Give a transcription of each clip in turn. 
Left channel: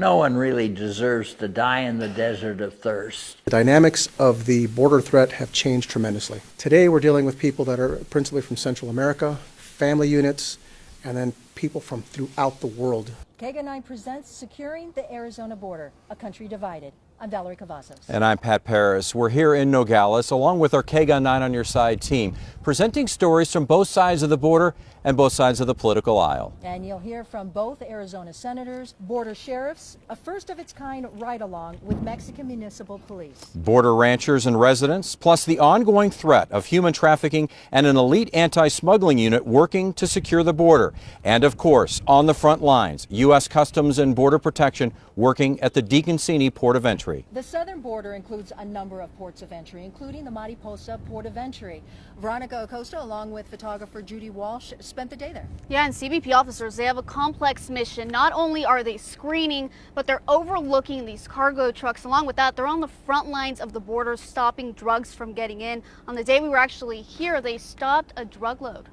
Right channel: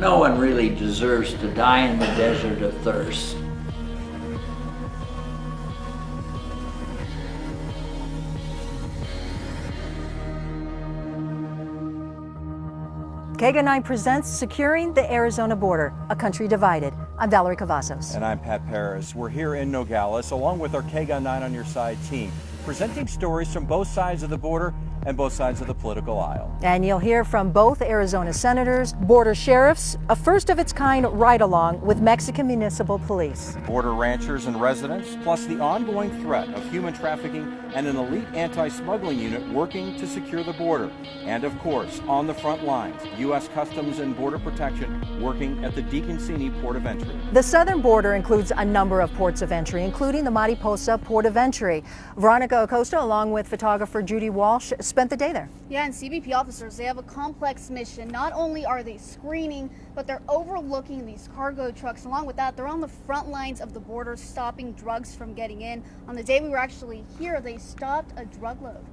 No one really deserves to die in the desert of thirst. The dynamics of the border threat have changed tremendously. Today we're dealing with people that are principally from Central America, family units, and then people from throughout the world. KGUN presents Securing the Arizona Border, a country divided. I'm Valerie Cavazos. And I'm Pat Paris. We're here in Nogales along with our KGUN 9 on Your Side team, presenting stories from both sides of the border and both sides of the political aisle. And you'll hear from both Arizona senators, border sheriffs, a first of its kind ride-along with Mexican municipal police. Border ranchers and residents, plus the ongoing threat of human trafficking and an elite anti-smuggling unit working to secure the border. And of course, on the front lines, U.S. Customs and Border Protection working at the Deacon Port of Entry. The southern border includes a number of ports of entry, including the Mariposa Port of Entry. Veronica Acosta, along with photographer Judy Walsh, spent the day there. Yeah, and CBP officers, they have a complex mission. Not only are they screening, but they're overlooking these cargo trucks. Along with that, they're on the front lines of the border, stopping drugs from getting in. On the day we were actually here, they stopped a drug load.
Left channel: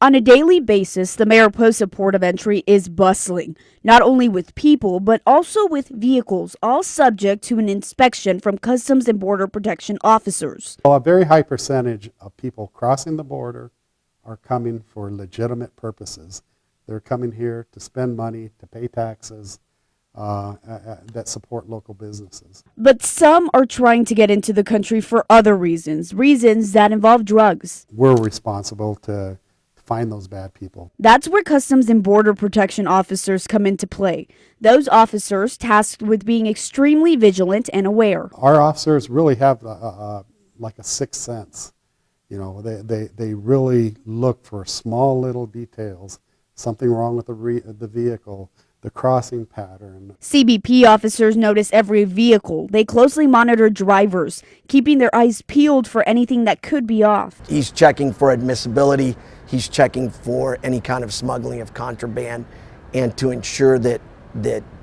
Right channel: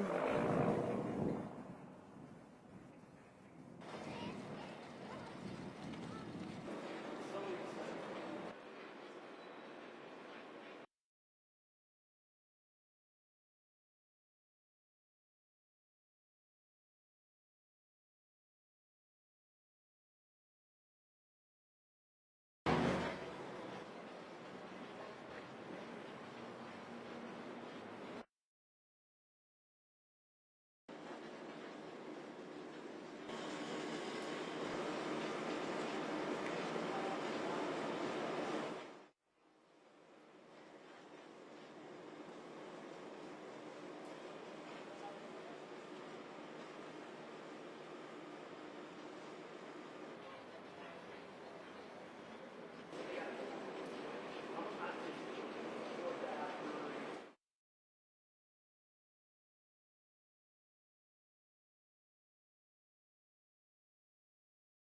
On a daily basis, the Mariposa Port of Entry is bustling, not only with people, but also with vehicles, all subject to an inspection from Customs and Border Protection officers. Well, a very high percentage of people crossing the border are coming for legitimate purposes. They're coming here to spend money, to pay taxes that support local businesses. But some are trying to get into the country for other reasons that involve drugs. We're responsible to find those bad people. That's where Customs and Border Protection officers come into play. Those officers tasked with being extremely vigilant and aware. Our officers really have like a sixth sense. You know, they really look for small little details, something wrong with the vehicle, the crossing pattern. CBP officers notice every vehicle. They closely monitor drivers, keeping their eyes peeled for anything that could be off. He's checking for admissibility. He's checking for any kind of smuggling of contraband and to ensure that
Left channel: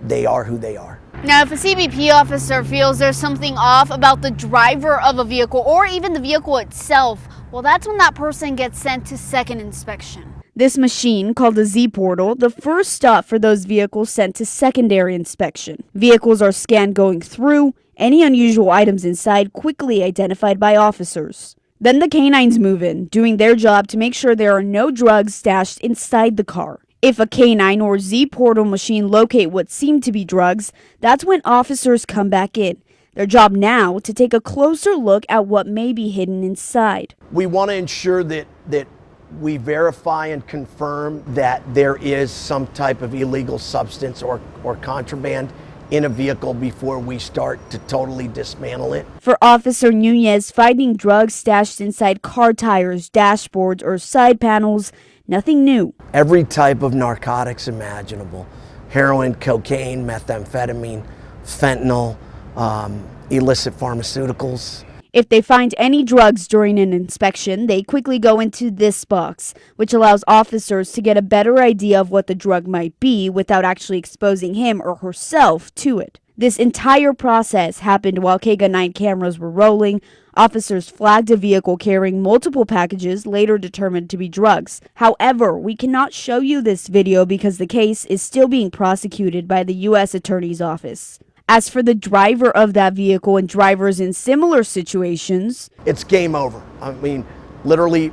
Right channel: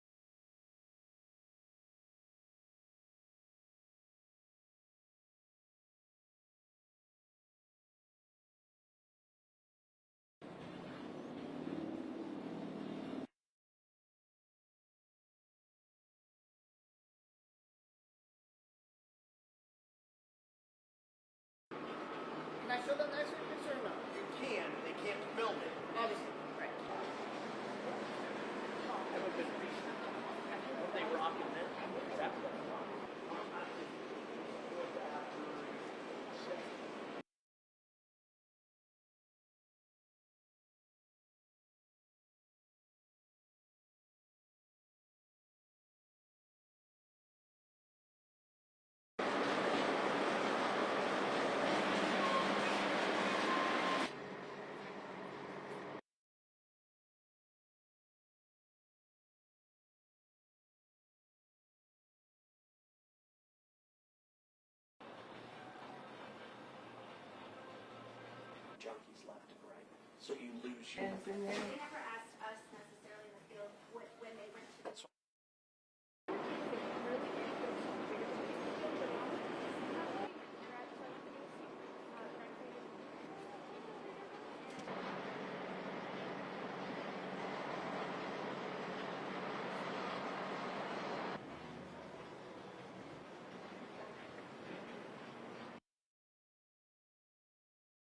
they are who they are. Now, if a CBP officer feels there's something off about the driver of a vehicle or even the vehicle itself, well, that's when that person gets sent to second inspection. This machine, called the Z Portal, the first stop for those vehicles sent to secondary inspection. Vehicles are scanned going through, any unusual items inside quickly identified by officers. Then the canines move in, doing their job to make sure there are no drugs stashed inside the car. If a canine or Z Portal machine locate what seem to be drugs, that's when officers come back in. Their job now to take a closer look at what may be hidden inside. We want to ensure that we verify and confirm that there is some type of illegal substance or contraband in a vehicle before we start to totally dismantle it. For Officer Nunez, finding drugs stashed inside car tires, dashboards, or side panels, nothing new. Every type of narcotics imaginable: heroin, cocaine, methamphetamine, fentanyl, illicit pharmaceuticals. If they find any drugs during an inspection, they quickly go into this box, which allows officers to get a better idea of what the drug might be without actually exposing him or herself to it. This entire process happened while KGUN 9 cameras were rolling. Officers flagged a vehicle carrying multiple packages, later determined to be drugs. However, we cannot show you this video because the case is still being prosecuted by the U.S. Attorney's Office. As for the driver of that vehicle and drivers in similar situations, it's game over. I mean, literally,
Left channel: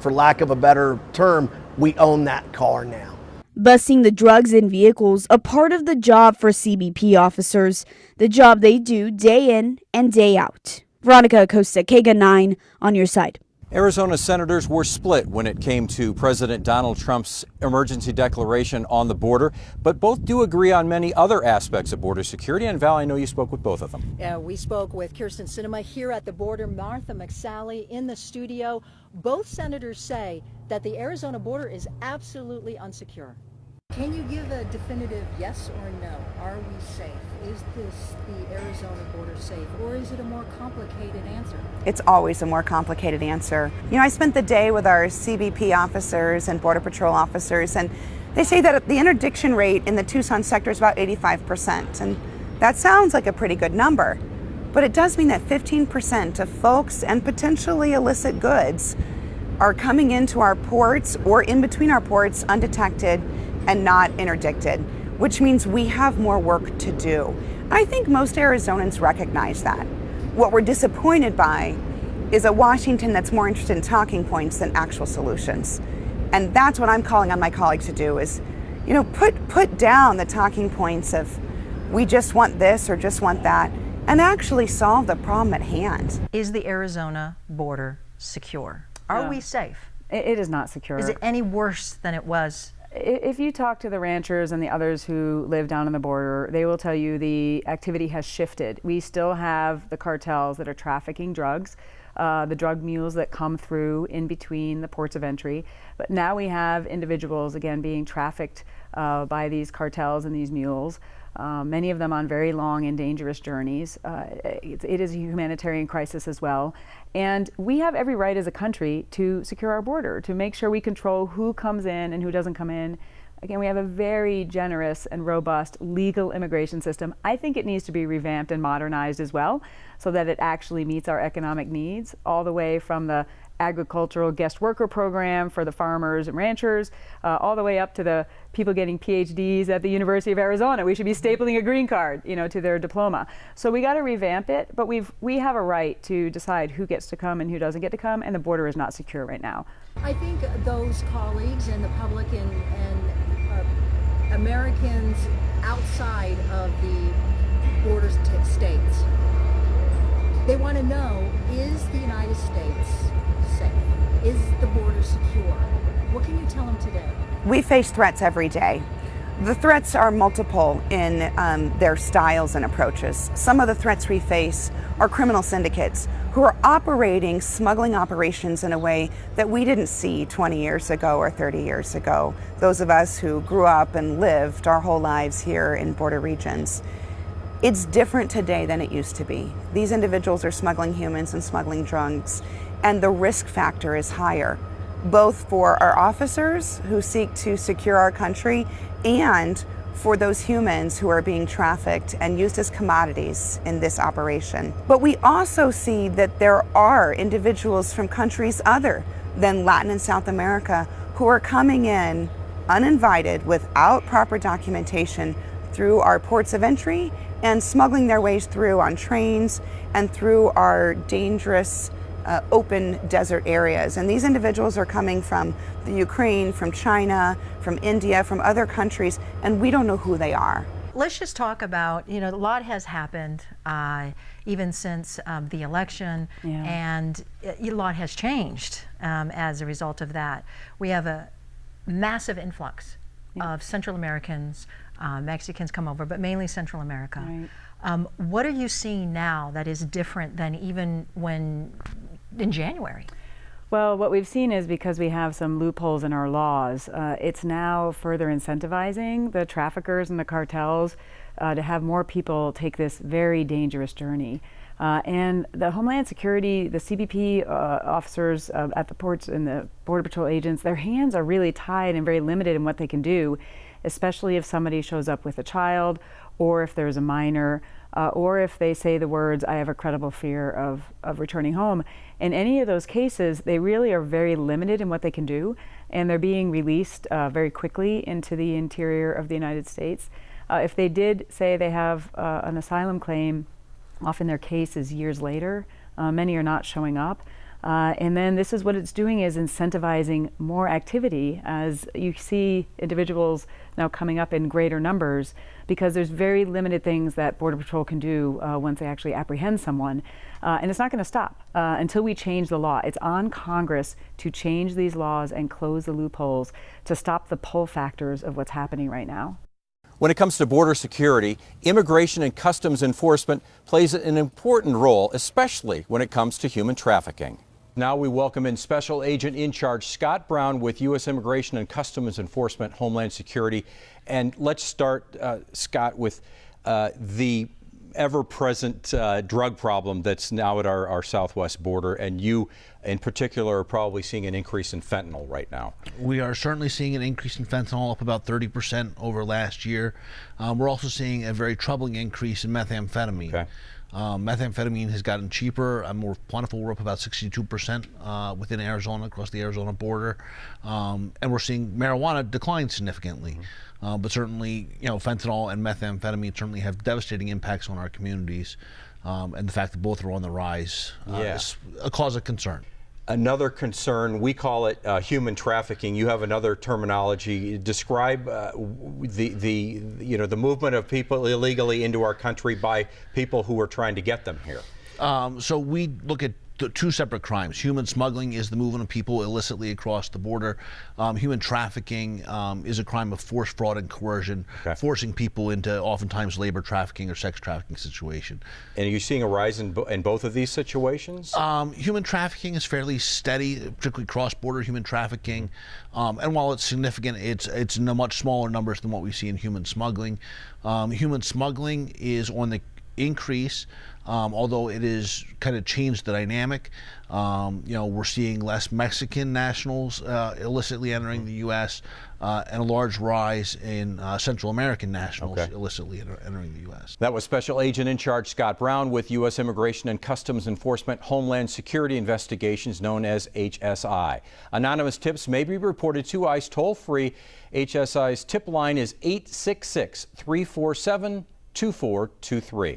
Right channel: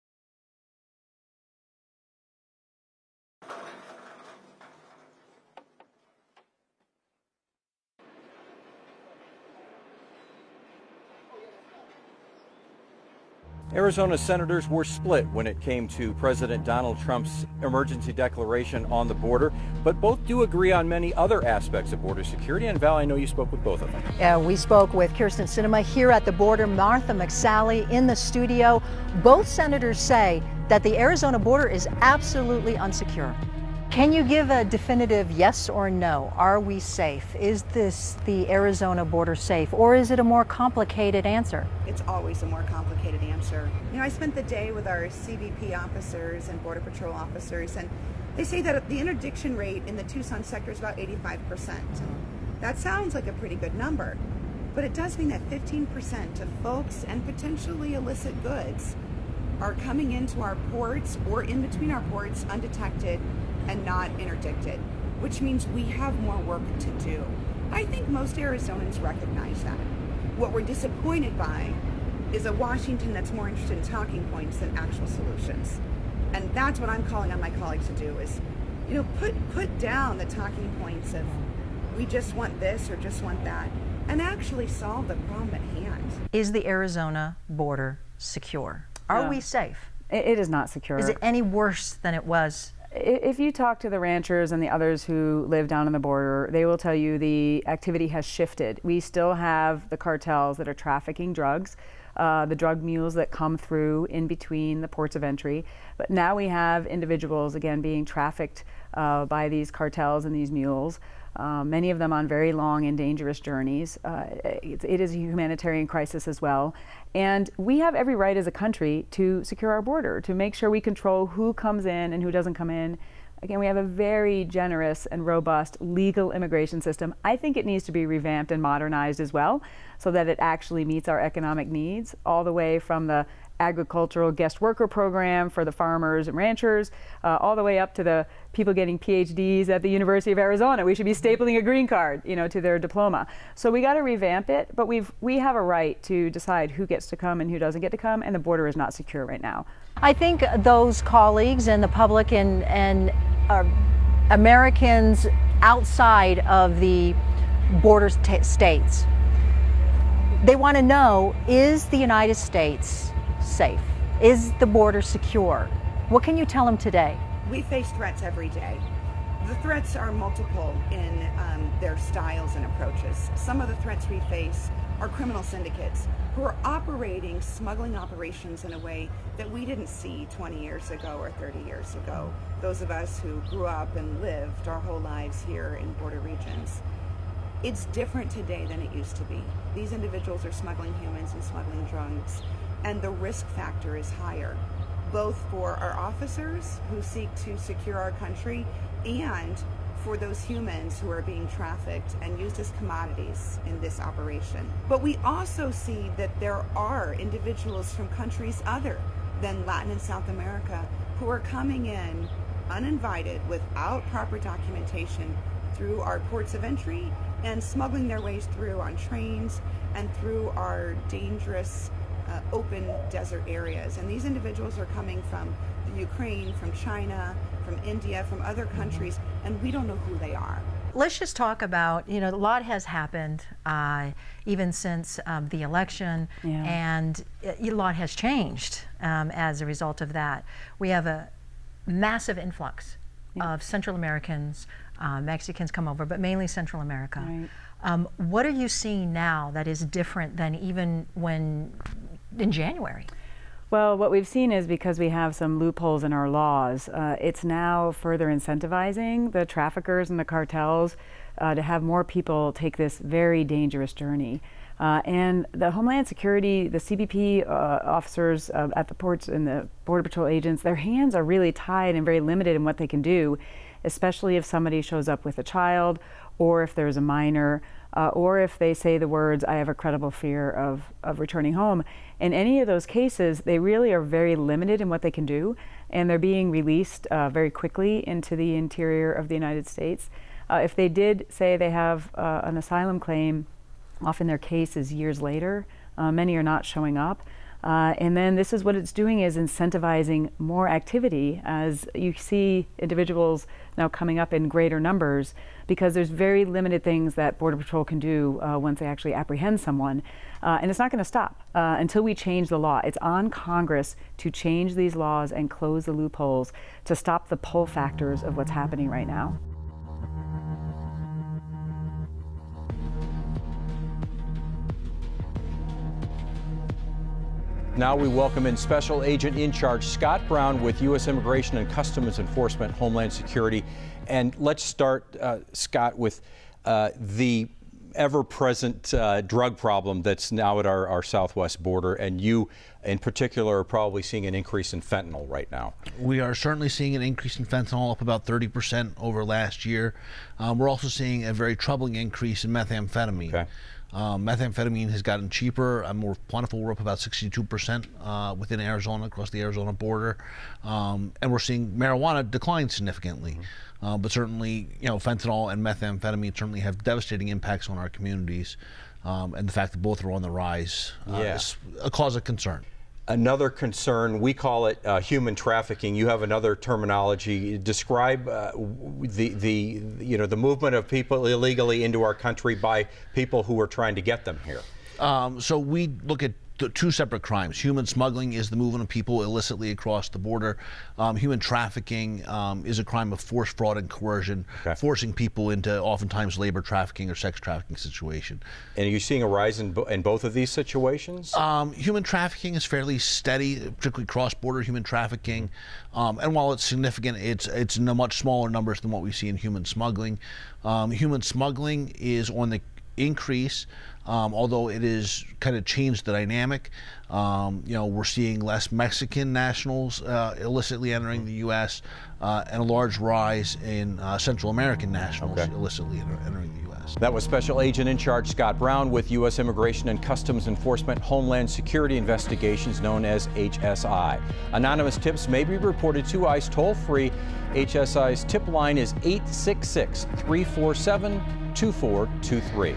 for lack of a better term, we own that car now. busting the drugs in vehicles, a part of the job for CBP officers, the job they do day in and day out. Veronica Acosta, KGUN 9, on your side. Arizona senators were split when it came to President Donald Trump's emergency declaration on the border, but both do agree on many other aspects of border security. And Val, I know you spoke with both of them. Yeah, we spoke with Kirsten Sinema here at the border, Martha McSally in the studio. Both senators say that the Arizona border is absolutely unsecure. Can you give a definitive yes or no? Are we safe? Is the Arizona border safe, or is it a more complicated answer? It's always a more complicated answer. You know, I spent the day with our CBP officers and Border Patrol officers, and they say that the interdiction rate in the Tucson sector is about 85%, and that sounds like a pretty good number. But it does mean that 15% of folks and potentially illicit goods are coming into our ports or in between our ports undetected and not interdicted. which means we have more work to do. I think most Arizonans recognize that. What we're disappointed by is a Washington that's more interested in talking points than actual solutions. And that's what I'm calling on my colleagues to do is, put down the talking points of we just want this or just want that, and actually solve the problem at hand. Is the Arizona border secure? Are we safe? It is not secure. Is it any worse than it was? If you talk to the ranchers and the others who live down on the border, they will tell you the activity has shifted. We still have the cartels that are trafficking drugs, the drug mules that come through in between the ports of entry. But now we have individuals, again, being trafficked by these cartels and these mules, many of them on very long and dangerous journeys. It is a humanitarian crisis as well. And we have every right as a country to secure our border, to make sure we control who comes in and who doesn't come in. Again, we have a very generous and robust legal immigration system. I think it needs to be revamped and modernized as well, so that it actually meets our economic needs, all the way from the agricultural guest worker program for the farmers and ranchers, all the way up to the people getting PhDs at the University of Arizona. We should be stapling a green card, to their diploma. So we got to revamp it, but we have a right to decide who gets to come and who doesn't get to come, and the border is not secure right now. I think those colleagues and the public and Americans outside of the border states, they want to know, is the United States safe? Is the border secure? What can you tell them today? We face threats every day. The threats are multiple in their styles and approaches. Some of the threats we face are criminal syndicates who are operating smuggling operations in a way that we didn't see 20 years ago or 30 years ago. Those of us who grew up and lived our whole lives here in border regions. It's different today than it used to be. These individuals are smuggling humans and smuggling drugs, and the risk factor is higher, both for our officers who seek to secure our country and for those humans who are being trafficked and used as commodities in this operation. But we also see that there are individuals from countries other than Latin and South America who are coming in uninvited without proper documentation through our ports of entry and smuggling their ways through on trains and through our dangerous open desert areas. And these individuals are coming from the Ukraine, from China, from India, from other countries, and we don't know who they are. Let's just talk about, a lot has happened even since the election, and a lot has changed as a result of that. We have a massive influx of Central Americans, Mexicans come over, but mainly Central America. Right. What are you seeing now that is different than even in January? Well, what we've seen is because we have some loopholes in our laws, it's now further incentivizing the traffickers and the cartels to have more people take this very dangerous journey. And the Homeland Security, the CBP officers at the ports and the Border Patrol agents, their hands are really tied and very limited in what they can do, especially if somebody shows up with a child, or if there's a minor, or if they say the words, "I have a credible fear of returning home." In any of those cases, they really are very limited in what they can do, and they're being released very quickly into the interior of the United States. If they did say they have an asylum claim, often their case is years later. Many are not showing up. And then this is what it's doing, is incentivizing more activity as you see individuals now coming up in greater numbers, because there's very limited things that Border Patrol can do once they actually apprehend someone. And it's not going to stop until we change the law. It's on Congress to change these laws and close the loopholes to stop the pull factors of what's happening right now. When it comes to border security, Immigration and Customs Enforcement plays an important role, especially when it comes to human trafficking. Now we welcome in Special Agent in Charge Scott Brown with U.S. Immigration and Customs Enforcement, Homeland Security. And let's start, Scott, with the ever-present drug problem that's now at our southwest border, and you in particular are probably seeing an increase in fentanyl right now. We are certainly seeing an increase in fentanyl, up about 30% over last year. We're also seeing a very troubling increase in methamphetamine. Methamphetamine has gotten cheaper and more plentiful. We're up about 62% within Arizona, across the Arizona border. And we're seeing marijuana decline significantly. But certainly, fentanyl and methamphetamine certainly have devastating impacts on our communities. And the fact that both are on the rise is a cause of concern. Another concern, we call it human trafficking. You have another terminology. Describe the movement of people illegally into our country by people who are trying to get them here. So we look at two separate crimes. Human smuggling is the movement of people illicitly across the border. Human trafficking is a crime of force, fraud, and coercion, forcing people into oftentimes labor trafficking or sex trafficking situation. And are you seeing a rise in both of these situations? Human trafficking is fairly steady, particularly cross-border human trafficking. And while it's significant, it's in much smaller numbers than what we see in human smuggling. Human smuggling is on the increase, although it has kind of changed the dynamic. We're seeing less Mexican nationals illicitly entering the U.S. And a large rise in Central American nationals illicitly entering the U.S. That was Special Agent in Charge Scott Brown with U.S. Immigration and Customs Enforcement Homeland Security Investigations, known as HSI. Anonymous tips may be reported to ICE toll-free. HSI's tip line is 866-347-2423.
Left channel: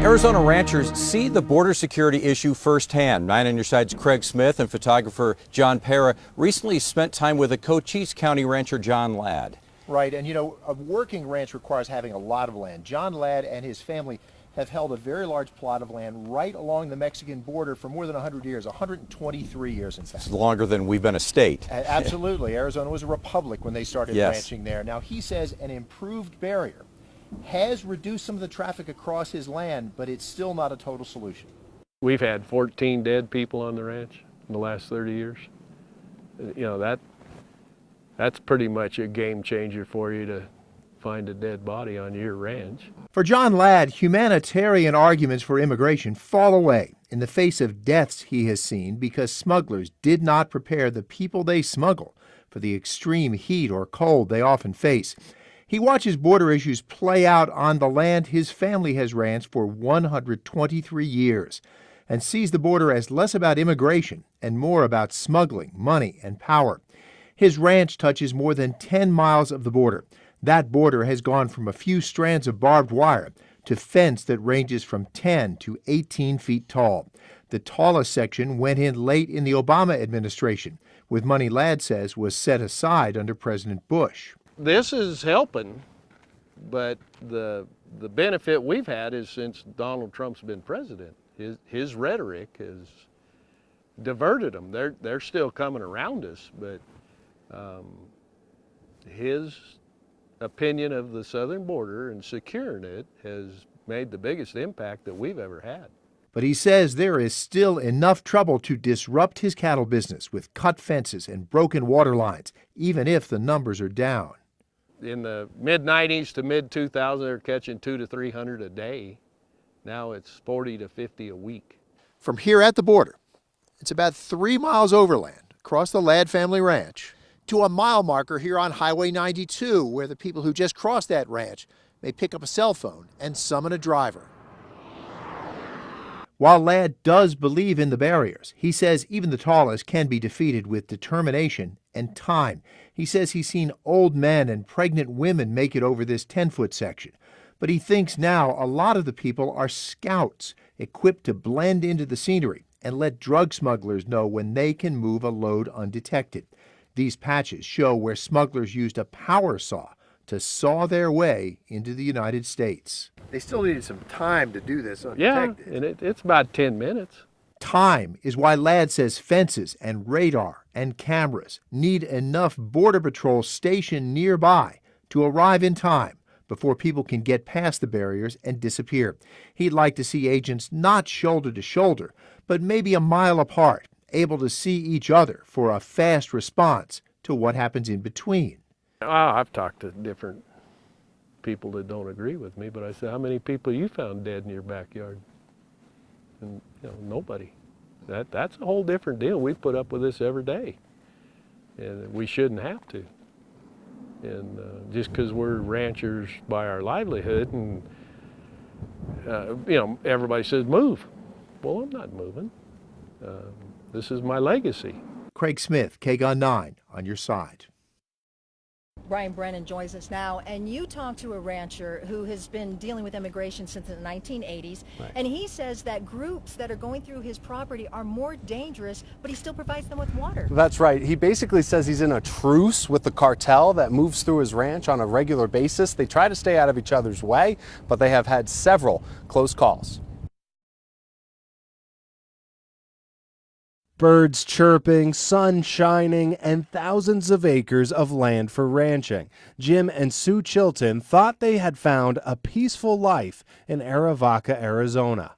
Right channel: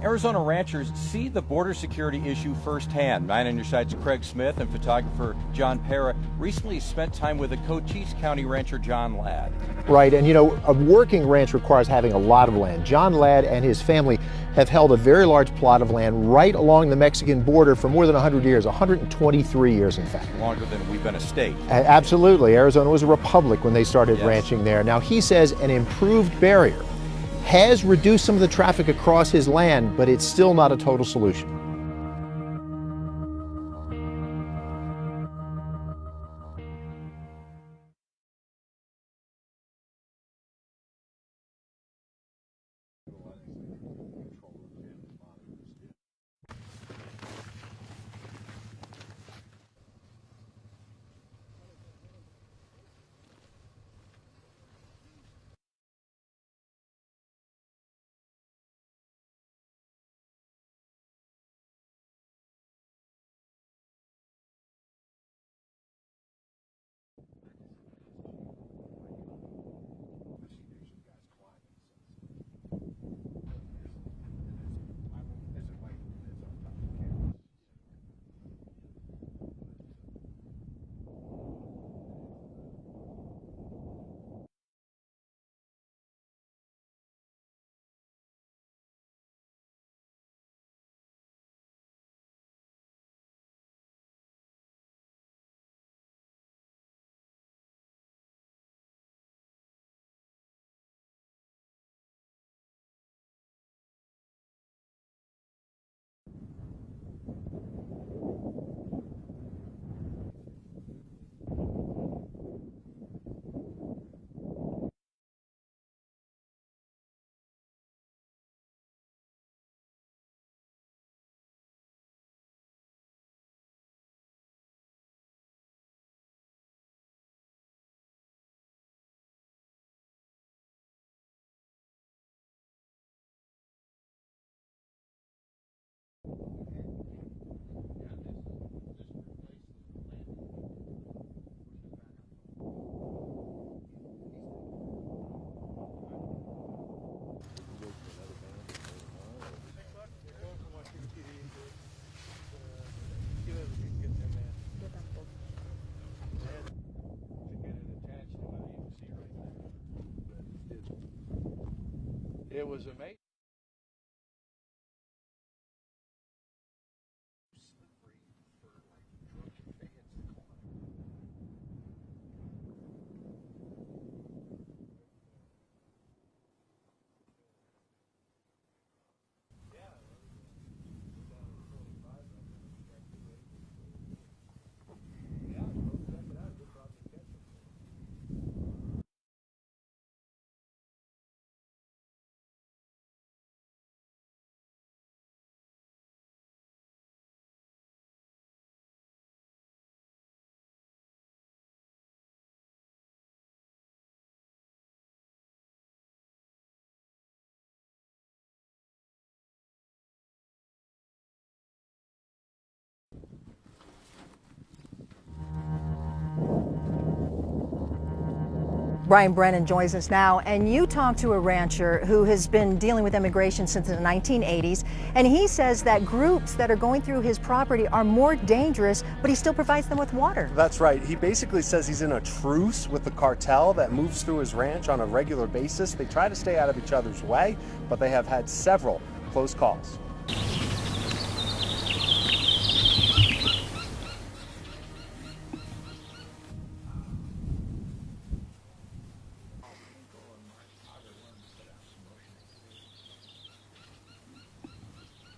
Arizona ranchers see the border security issue firsthand. 9 on Your Side's Craig Smith and photographer John Pera recently spent time with a Cochise County rancher, John Ladd. Right, and a working ranch requires having a lot of land. John Ladd and his family have held a very large plot of land right along the Mexican border for more than 100 years, 123 years in fact. It's longer than we've been a state. Absolutely. Arizona was a republic when they started ranching there. Now he says an improved barrier has reduced some of the traffic across his land, but it's still not a total solution. We've had 14 dead people on the ranch in the last 30 years. That's pretty much a game changer for you to find a dead body on your ranch. For John Ladd, humanitarian arguments for immigration fall away in the face of deaths he has seen because smugglers did not prepare the people they smuggle for the extreme heat or cold they often face. He watches border issues play out on the land his family has ranched for 123 years and sees the border as less about immigration and more about smuggling, money, and power. His ranch touches more than 10 miles of the border. That border has gone from a few strands of barbed wire to fence that ranges from 10 to 18 feet tall. The tallest section went in late in the Obama administration, with money Ladd says was set aside under President Bush. This is helping, but the benefit we've had is since Donald Trump's been president, his rhetoric has diverted them. They're still coming around us, but his opinion of the southern border and securing it has made the biggest impact that we've ever had. But he says there is still enough trouble to disrupt his cattle business with cut fences and broken water lines, even if the numbers are down. In the mid-90s to mid-2000s, they were catching 200 to 300 a day. Now it's 40 to 50 a week. From here at the border, it's about 3 miles overland across the Ladd family ranch to a mile marker here on Highway 92, where the people who just crossed that ranch may pick up a cell phone and summon a driver. While Ladd does believe in the barriers, he says even the tallest can be defeated with determination and time. He says he's seen old men and pregnant women make it over this 10-foot section. But he thinks now a lot of the people are scouts, equipped to blend into the scenery and let drug smugglers know when they can move a load undetected. These patches show where smugglers used a power saw to saw their way into the United States. They still needed some time to do this undetected. Yeah, and it's about 10 minutes. Time is why Ladd says fences and radar and cameras need enough Border Patrol stationed nearby to arrive in time before people can get past the barriers and disappear. He'd like to see agents not shoulder to shoulder, but maybe a mile apart, able to see each other for a fast response to what happens in between. I've talked to different people that don't agree with me, but I said, how many people you found dead in your backyard? And nobody. That's a whole different deal. We put up with this every day, and we shouldn't have to. And just because we're ranchers by our livelihood, and everybody says move. Well, I'm not moving. This is my legacy. Craig Smith, KGUN 9, on your side. Brian Brennan joins us now, and you talked to a rancher who has been dealing with immigration since the 1980s, and he says that groups that are going through his property are more dangerous, but he still provides them with water. That's right. He basically says he's in a truce with the cartel that moves through his ranch on a regular basis. They try to stay out of each other's way, but they have had several close calls. Birds chirping, sun shining, and thousands of acres of land for ranching. Jim and Sue Chilton thought they had found a peaceful life in Arivaca, Arizona.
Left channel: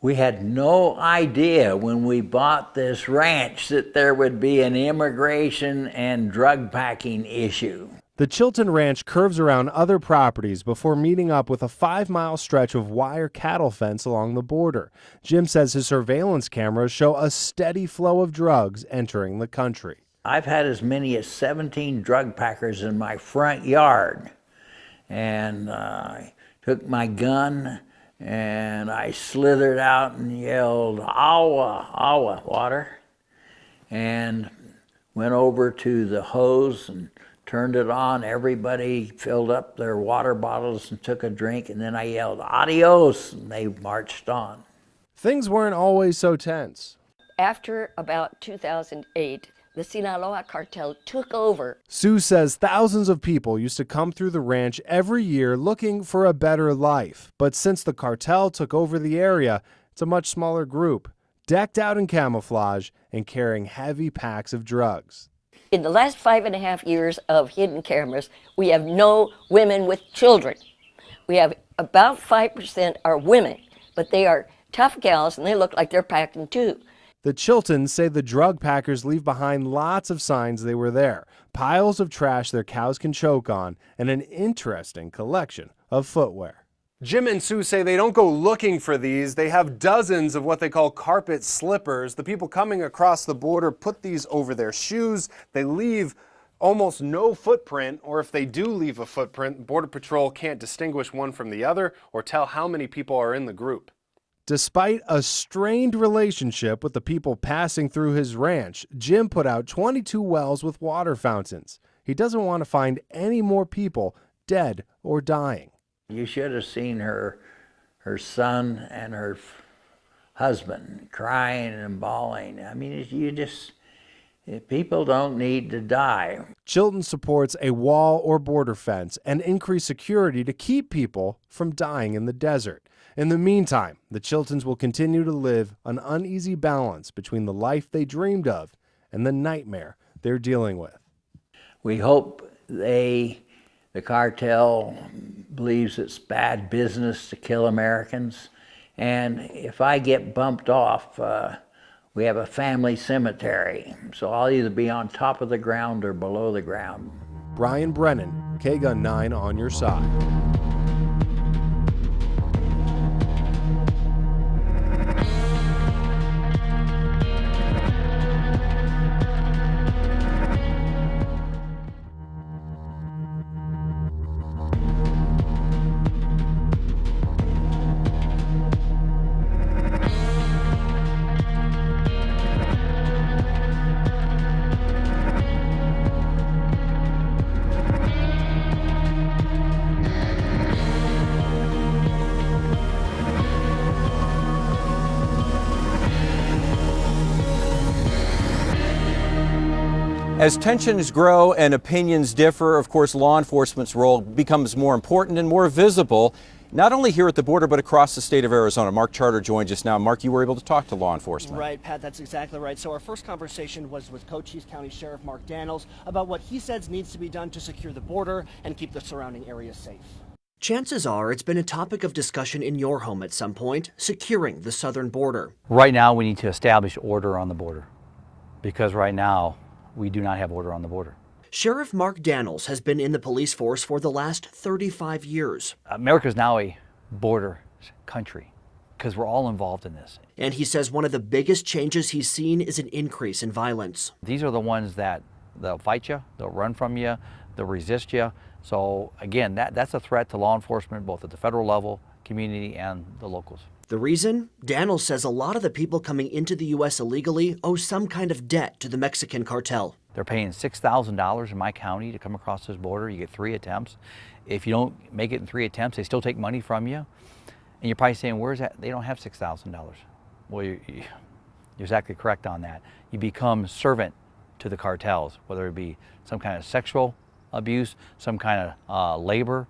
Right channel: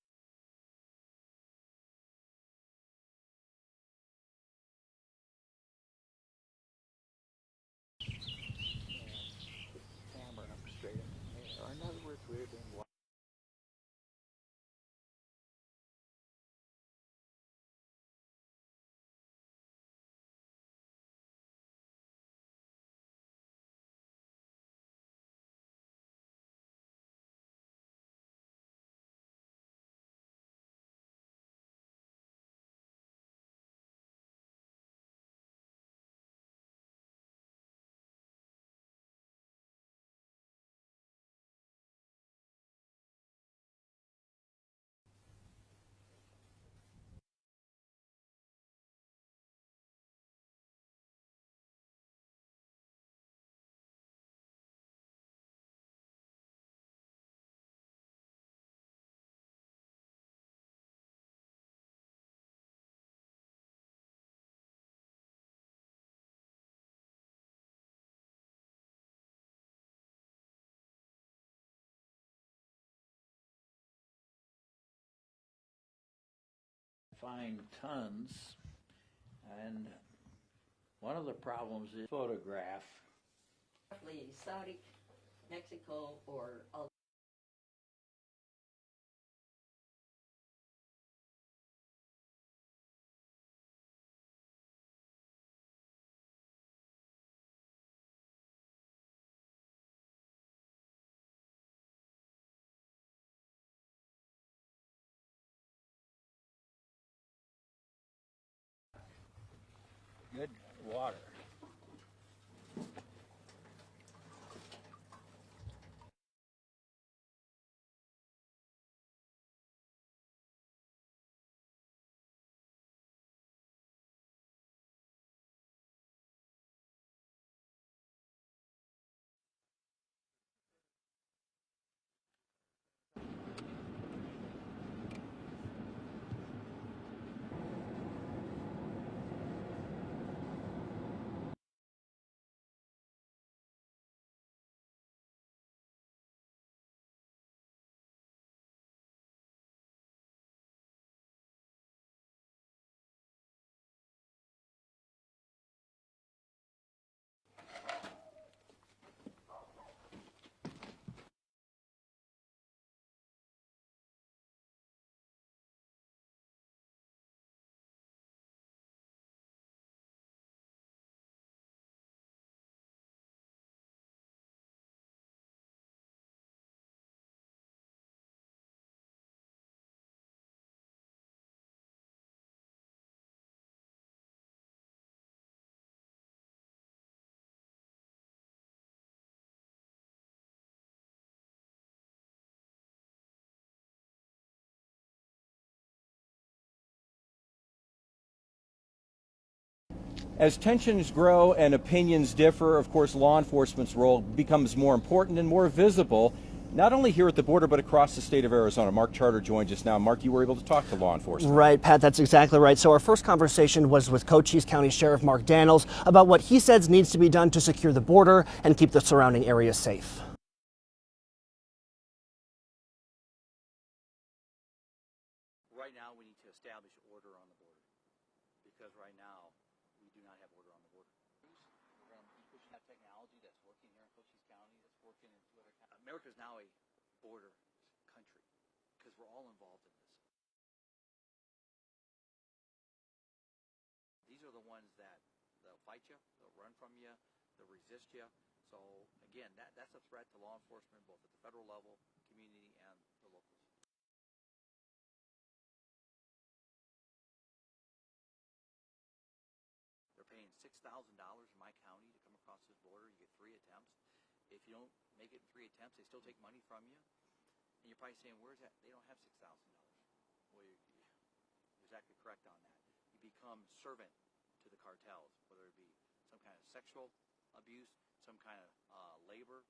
We had no idea when we bought this ranch that there would be an immigration and drug packing issue. The Chilton Ranch curves around other properties before meeting up with a 5-mile stretch of wire cattle fence along the border. Jim says his surveillance cameras show a steady flow of drugs entering the country. I've had as many as 17 drug packers in my front yard, and I took my gun and I slithered out and yelled, "Awa, awa," water, and went over to the hose and turned it on. Everybody filled up their water bottles and took a drink, and then I yelled, "Adios," and they marched on. Things weren't always so tense. After about 2008, the Sinaloa cartel took over. Sue says thousands of people used to come through the ranch every year looking for a better life. But since the cartel took over the area, it's a much smaller group, decked out in camouflage and carrying heavy packs of drugs. In the last 5.5 years of hidden cameras, we have no women with children. We have about 5% are women, but they are tough gals and they look like they're packing too. The Chiltons say the drug packers leave behind lots of signs they were there, piles of trash their cows can choke on, and an interesting collection of footwear. Jim and Sue say they don't go looking for these. They have dozens of what they call carpet slippers. The people coming across the border put these over their shoes. They leave almost no footprint, or if they do leave a footprint, Border Patrol can't distinguish one from the other or tell how many people are in the group. Despite a strained relationship with the people passing through his ranch, Jim put out 22 wells with water fountains. He doesn't want to find any more people dead or dying. You should have seen her son and her husband crying and bawling. I mean, people don't need to die. Chilton supports a wall or border fence and increased security to keep people from dying in the desert. In the meantime, the Chiltons will continue to live an uneasy balance between the life they dreamed of and the nightmare they're dealing with. We hope the cartel believes it's bad business to kill Americans. And if I get bumped off, we have a family cemetery. So I'll either be on top of the ground or below the ground. Brian Brennan, KGUN 9 on your side. As tensions grow and opinions differ, of course, law enforcement's role becomes more important and more visible, not only here at the border, but across the state of Arizona. Mark Charter joins us now. Mark, you were able to talk to law enforcement. Right, Pat, that's exactly right. So our first conversation was with Cochise County Sheriff Mark Daniels about what he says needs to be done to secure the border and keep the surrounding areas safe. Chances are it's been a topic of discussion in your home at some point, securing the southern border. Right now, we need to establish order on the border, because right now, we do not have order on the border. Sheriff Mark Daniels has been in the police force for the last 35 years. America's now a border country, because we're all involved in this. And he says one of the biggest changes he's seen is an increase in violence. These are the ones that they'll fight you, they'll run from you, they'll resist you. So again, that's a threat to law enforcement, both at the federal level, community, and the locals. The reason? Daniels says a lot of the people coming into the U.S. illegally owe some kind of debt to the Mexican cartel. They're paying $6,000 in my county to come across this border. You get 3 attempts. If you don't make it in 3 attempts, they still take money from you. And you're probably saying, where's that? They don't have $6,000. Well, you're exactly correct on that. You become servant to the cartels, whether it be some kind of sexual abuse, some kind of labor,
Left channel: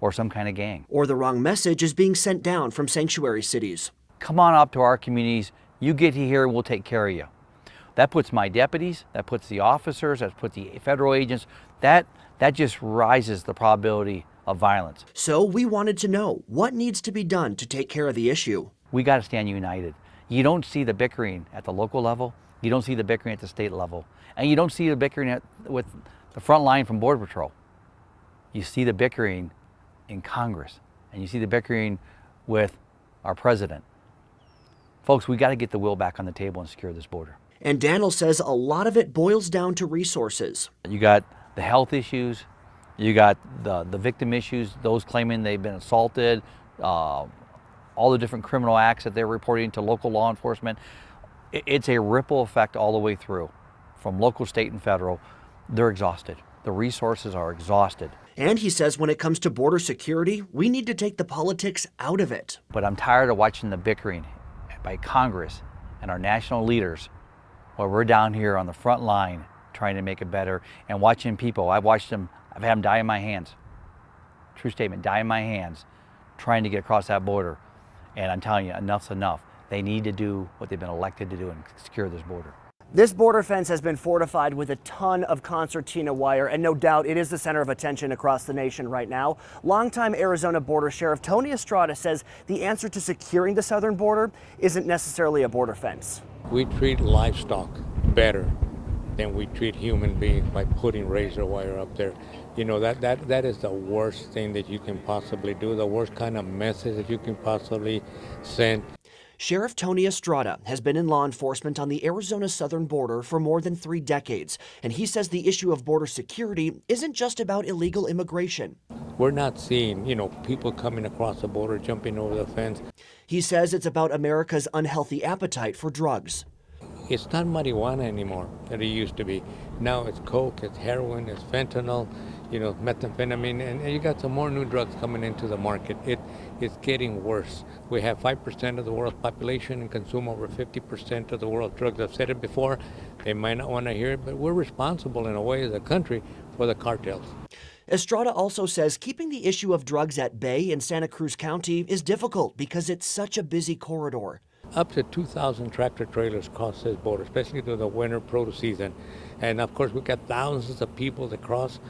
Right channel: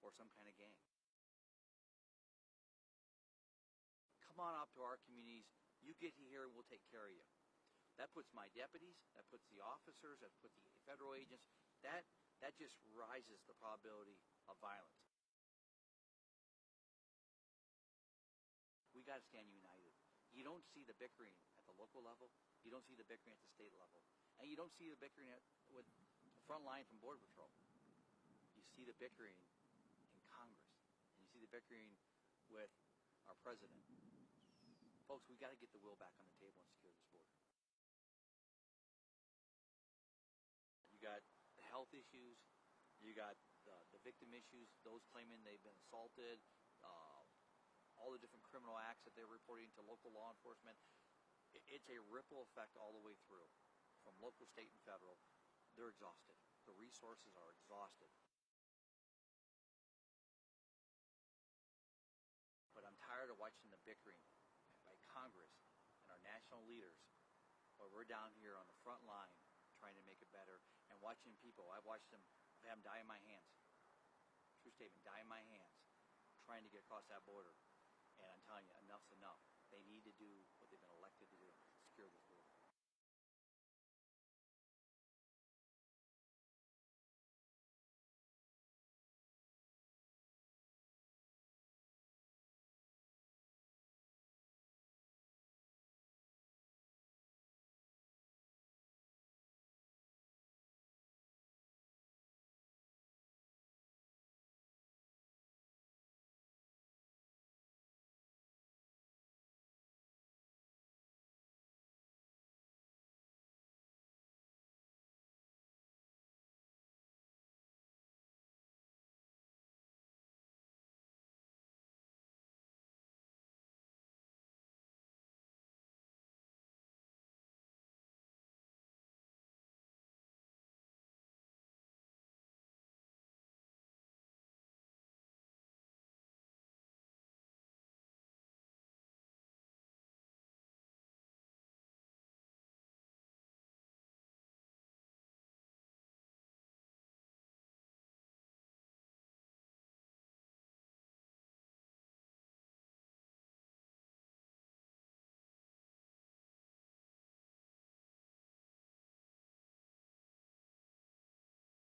or some kind of gang. Or the wrong message is being sent down from sanctuary cities. Come on up to our communities. You get here, we'll take care of you. That puts my deputies, that puts the officers, that puts the federal agents, that just rises the probability of violence. So we wanted to know what needs to be done to take care of the issue. We got to stand united. You don't see the bickering at the local level, you don't see the bickering at the state level, and you don't see the bickering with the front line from Border Patrol. You see the bickering in Congress, and you see the bickering with our president. Folks, we got to get the will back on the table and secure this border. And Daniel says a lot of it boils down to resources. You got the health issues, you got the victim issues, those claiming they've been assaulted, all the different criminal acts that they're reporting to local law enforcement. It's a ripple effect all the way through, from local, state, and federal. They're exhausted. The resources are exhausted. And he says when it comes to border security, we need to take the politics out of it. But I'm tired of watching the bickering by Congress and our national leaders while we're down here on the front line trying to make it better, and watching people. I've had them die in my hands. True statement, die in my hands, trying to get across that border. And I'm telling you, enough's enough. They need to do what they've been elected to do and secure this border. This border fence has been fortified with a ton of concertina wire, and no doubt it is the center of attention across the nation right now. Longtime Arizona Border Sheriff Tony Estrada says the answer to securing the southern border isn't necessarily a border fence. We treat livestock better than we treat human beings by putting razor wire up there. You know, that is the worst thing that you can possibly do, the worst kind of message that you can possibly send. Sheriff Tony Estrada has been in law enforcement on the Arizona southern border for more than 3 decades, and he says the issue of border security isn't just about illegal immigration. We're not seeing, people coming across the border, jumping over the fence. He says it's about America's unhealthy appetite for drugs. It's not marijuana anymore that it used to be. Now it's coke, it's heroin, it's fentanyl, methamphetamine, and you got some more new drugs coming into the market. It's getting worse. We have 5% of the world's population and consume over 50% of the world's drugs. I've said it before, they might not want to hear it, but we're responsible in a way as a country for the cartels. Estrada also says keeping the issue of drugs at bay in Santa Cruz County is difficult because it's such a busy corridor. Up to 2,000 tractor trailers cross this border, especially through the winter produce season. And of course, we've got thousands of people that cross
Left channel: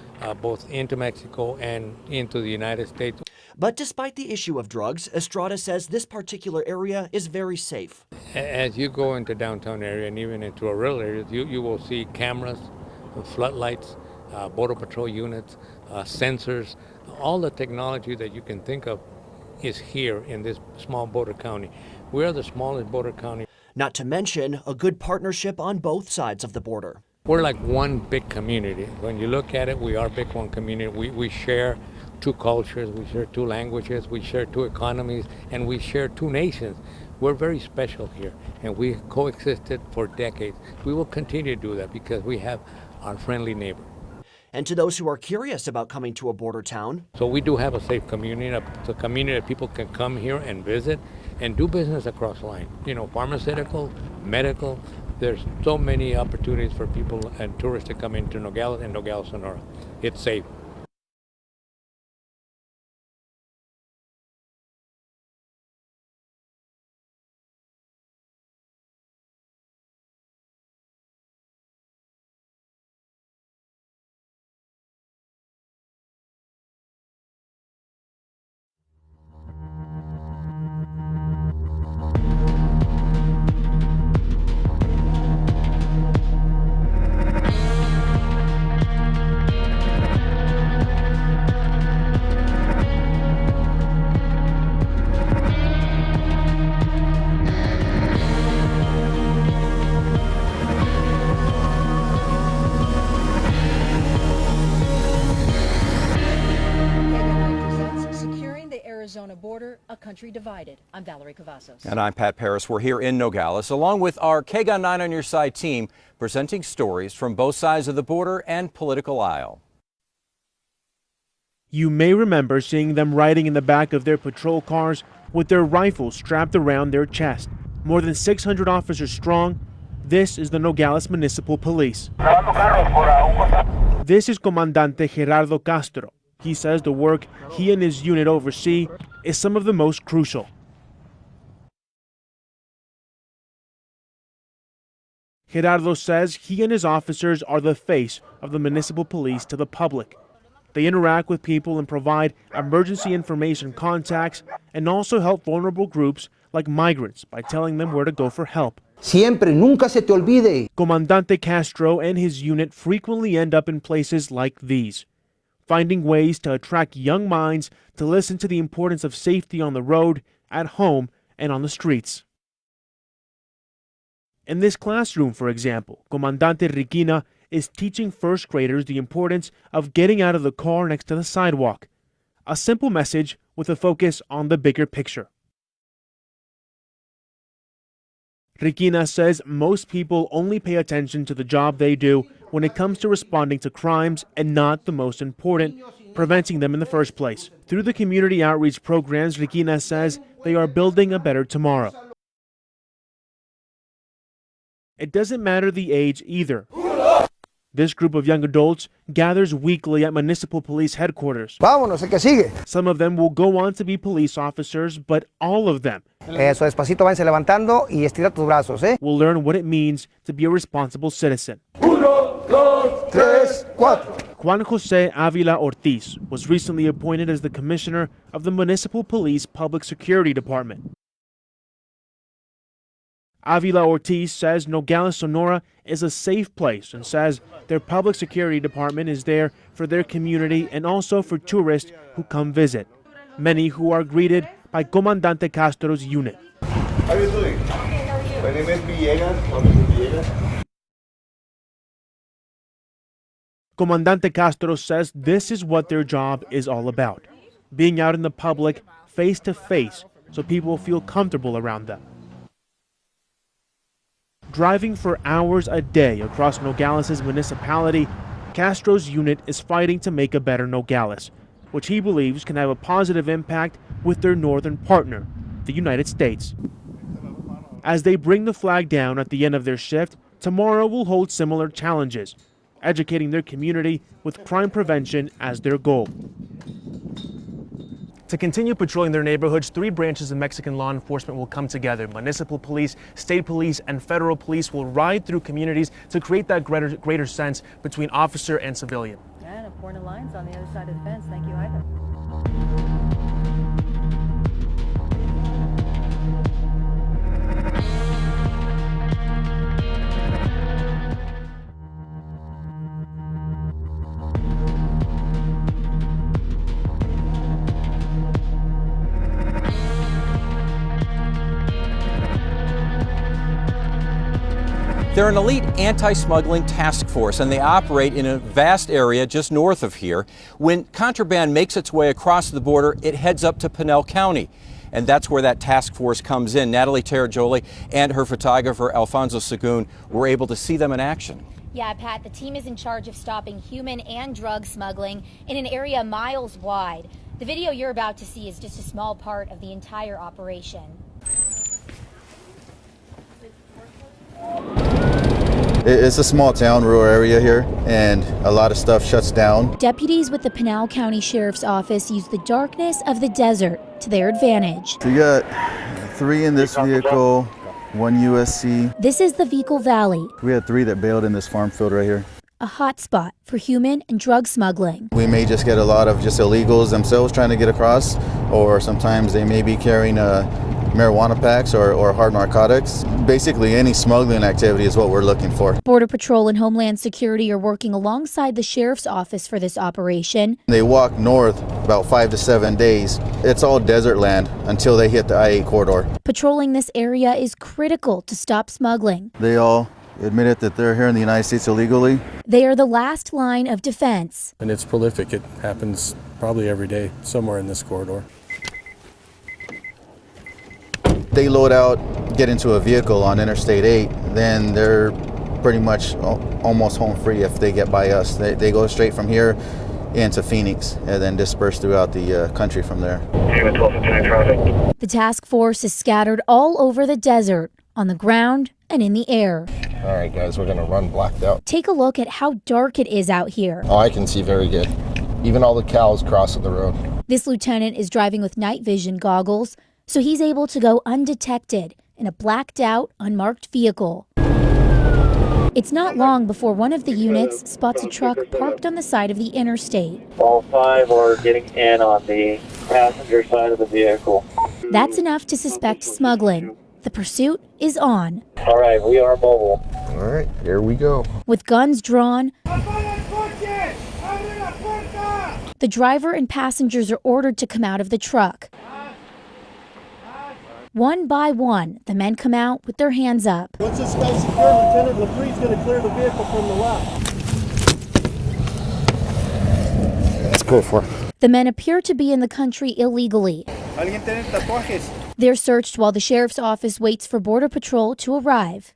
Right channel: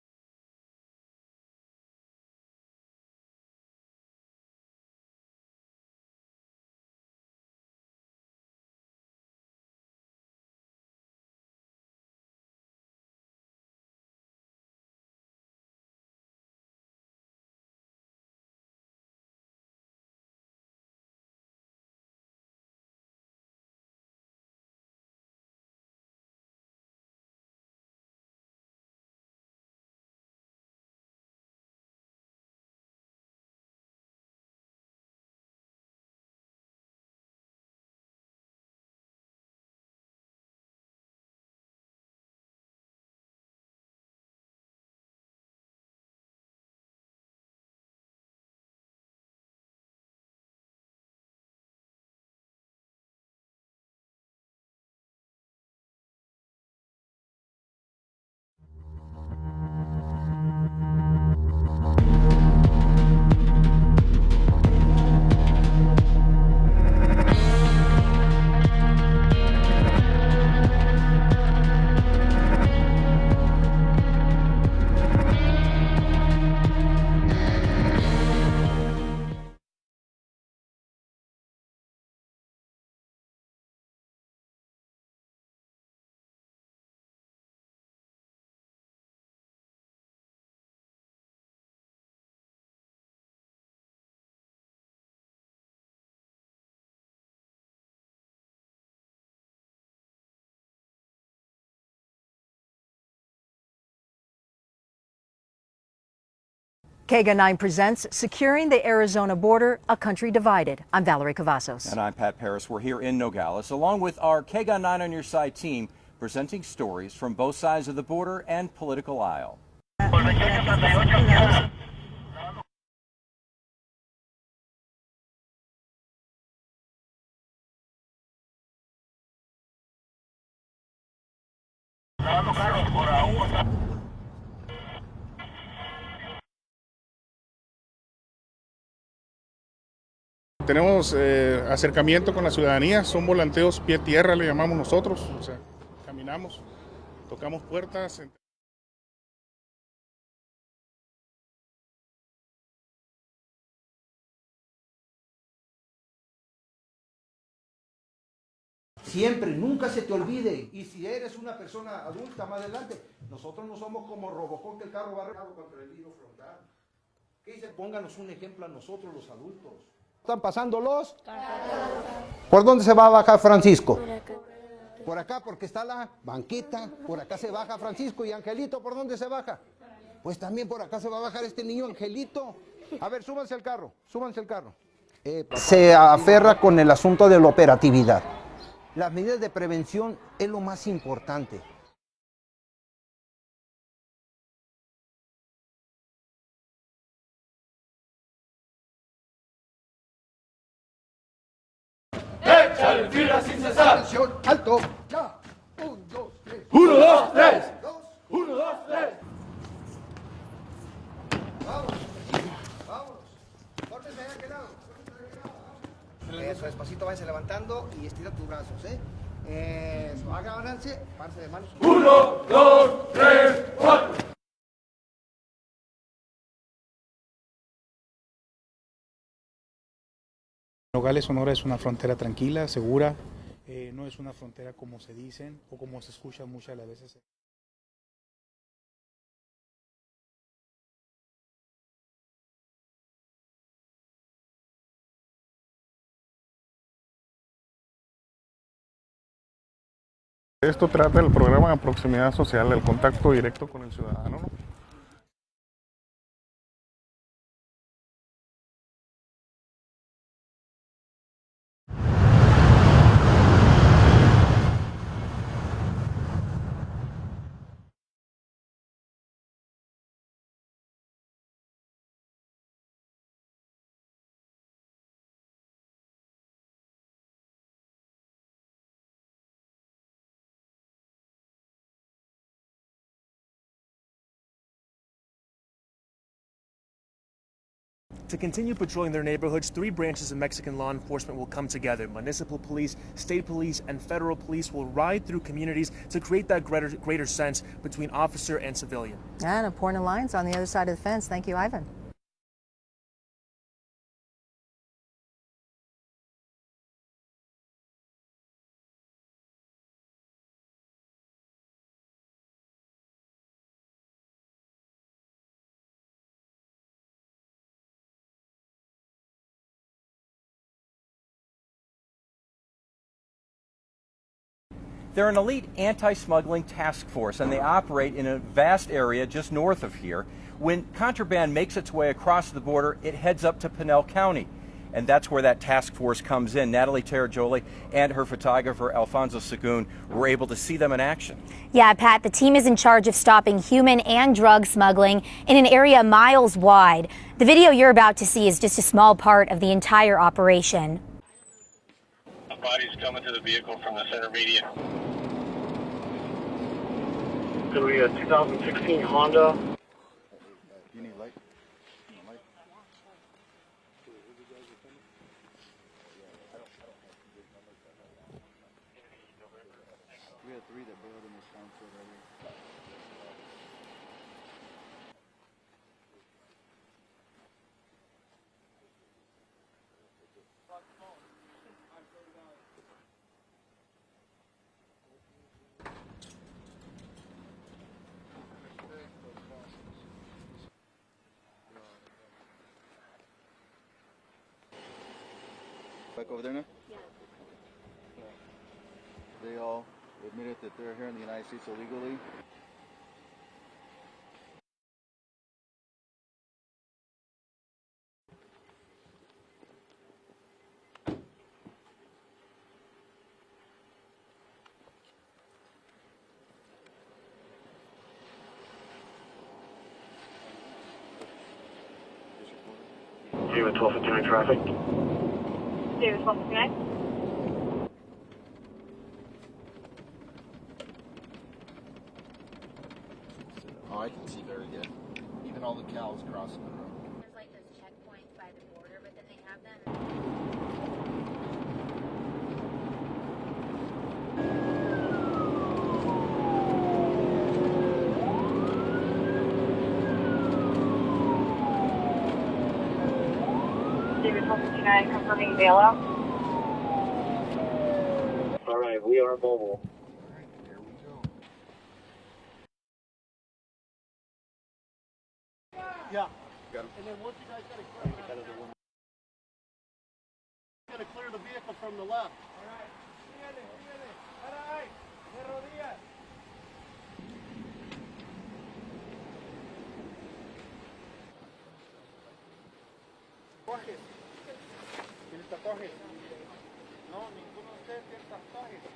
both into Mexico and into the United States. But despite the issue of drugs, Estrada says this particular area is very safe. As you go into downtown area and even into a rural area, you will see cameras, floodlights, Border Patrol units, sensors. All the technology that you can think of is here in this small border county. We are the smallest border county. Not to mention a good partnership on both sides of the border. We're like one big community. When you look at it, we are big one community. We share 2 cultures, we share 2 languages, we share 2 economies, and we share 2 nations. We're very special here, and we coexisted for decades. We will continue to do that because we have our friendly neighbor. And to those who are curious about coming to a border town. So we do have a safe community, a community that people can come here and visit and do business across the line. Pharmaceutical, medical, there's so many opportunities for people and tourists to come into Nogales and Nogales, Sonora. It's safe. KGUN 9 presents Securing the Arizona Border, a Country Divided. I'm Valerie Cavazos. And I'm Pat Paris. We're here in Nogales, along with our KGUN 9 on Your Side team, presenting stories from both sides of the border and political aisle. You may remember seeing them riding in the back of their patrol cars with their rifles strapped around their chest. More than 600 officers strong, this is the Nogales Municipal Police. This is Comandante Gerardo Castro. He says the work he and his unit oversee is some of the most crucial. Tenemos acercamiento con la ciudadanía, son volanteos pie-tierra, le llamamos nosotros. Gerardo says he and his officers are the face of the municipal police to the public. They interact with people and provide emergency information contacts and also help vulnerable groups like migrants by telling them where to go for help. Siempre, nunca se te olvide. Comandante Castro and his unit frequently end up in places like these, finding ways to attract young minds to listen to the importance of safety on the road, at home, and on the streets. ¿Por dónde se va a bajar Francisco? In this classroom, for example, Comandante Regina is teaching first graders the importance of getting out of the car next to the sidewalk. A simple message with a focus on the bigger picture. Se aferra con el asunto de la operatividad. Regina says most people only pay attention to the job they do when it comes to responding to crimes and not the most important, preventing them in the first place. Through the community outreach programs, Regina says they are building a better tomorrow. It doesn't matter the age either. This group of young adults gathers weekly at municipal police headquarters. Vámonos, el que sigue. Some of them will go on to be police officers, but all of them Eso, despacito, váyanse levantando y estira tus brazos, ¿eh? will learn what it means to be a responsible citizen. Juan Jose Avila Ortiz was recently appointed as the commissioner of the Municipal Police Public Security Department. Nogales, Sonora es una frontera tranquila, segura. Avila Ortiz says Nogales, Sonora is a safe place and says their public security department is there for their community and also for tourists who come visit, many who are greeted by Comandante Castro's unit. How are you doing? My name is Villegas. Esto trata del programa de proximidad social, el contacto directo. Comandante Castro says this is what their job is all about, being out in the public, face to face, so people feel comfortable around them. Driving for hours a day across Nogales' municipality, Castro's unit is fighting to make a better Nogales, which he believes can have a positive impact with their northern partner, the United States. As they bring the flag down at the end of their shift, tomorrow will hold similar challenges, educating their community with crime prevention as their goal. To continue patrolling their neighborhoods, 3 branches of Mexican law enforcement will come together. Municipal police, state police, and federal police will ride through communities to create that greater sense between officer and civilian. And important lines on the other side of the fence. Thank you, Ivan. They're an elite anti-smuggling task force, and they operate in a vast area just north of here. When contraband makes its way across the border, it heads up to Pinal County. And that's where that task force comes in. Natalie Terrajoli and her photographer, Alfonso Sagun, were able to see them in action. Yeah, Pat, the team is in charge of stopping human and drug smuggling in an area miles wide. The video you're about to see is just a small part of the entire operation. Bodies coming to the vehicle from the center median. It's a small town, rural area here, and a lot of stuff shuts down. Deputies with the Pinal County Sheriff's Office use the darkness of the desert to their advantage. So you got 3 in this vehicle, 1 USC. This is the Vehicle Valley, We had 3 that bailed in this farm field right here. a hot spot for human and drug smuggling. We may just get a lot of just illegals themselves trying to get across, or sometimes they may be carrying marijuana packs or hard narcotics. Basically, any smuggling activity is what we're looking for. Border Patrol and Homeland Security are working alongside the Sheriff's Office for this operation. They walk north about 5 to 7 days. It's all desert land until they hit the I-8 corridor. Patrolling this area is critical to stop smuggling. They all admitted that they're here in the United States illegally. They are the last line of defense. And it's prolific. It happens probably every day, somewhere in this corridor. They load out, get into a vehicle on Interstate 8, then they're pretty much almost home free if they get by us. They go straight from here into Phoenix and then disperse throughout the country from there. The task force is scattered all over the desert, on the ground and in the air. All right, guys, we're gonna run blacked out. Take a look at how dark it is out here. Oh, I can see very good. Even all the cows crossing the road. This lieutenant is driving with night vision goggles, so he's able to go undetected in a blacked out, unmarked vehicle. It's not long before one of the units spots a truck parked on the side of the interstate. All 5 are getting in on the passenger side of the vehicle. That's enough to suspect smuggling. The pursuit is on. All right, we are mobile. All right, here we go. With guns drawn, the driver and passengers are ordered to come out of the truck. One by one, the men come out with their hands up. Once this guy's secure, Lieutenant LaPrie's going to clear the vehicle from the left. That's good for. The men appear to be in the country illegally. They're searched while the sheriff's office waits for Border Patrol to arrive.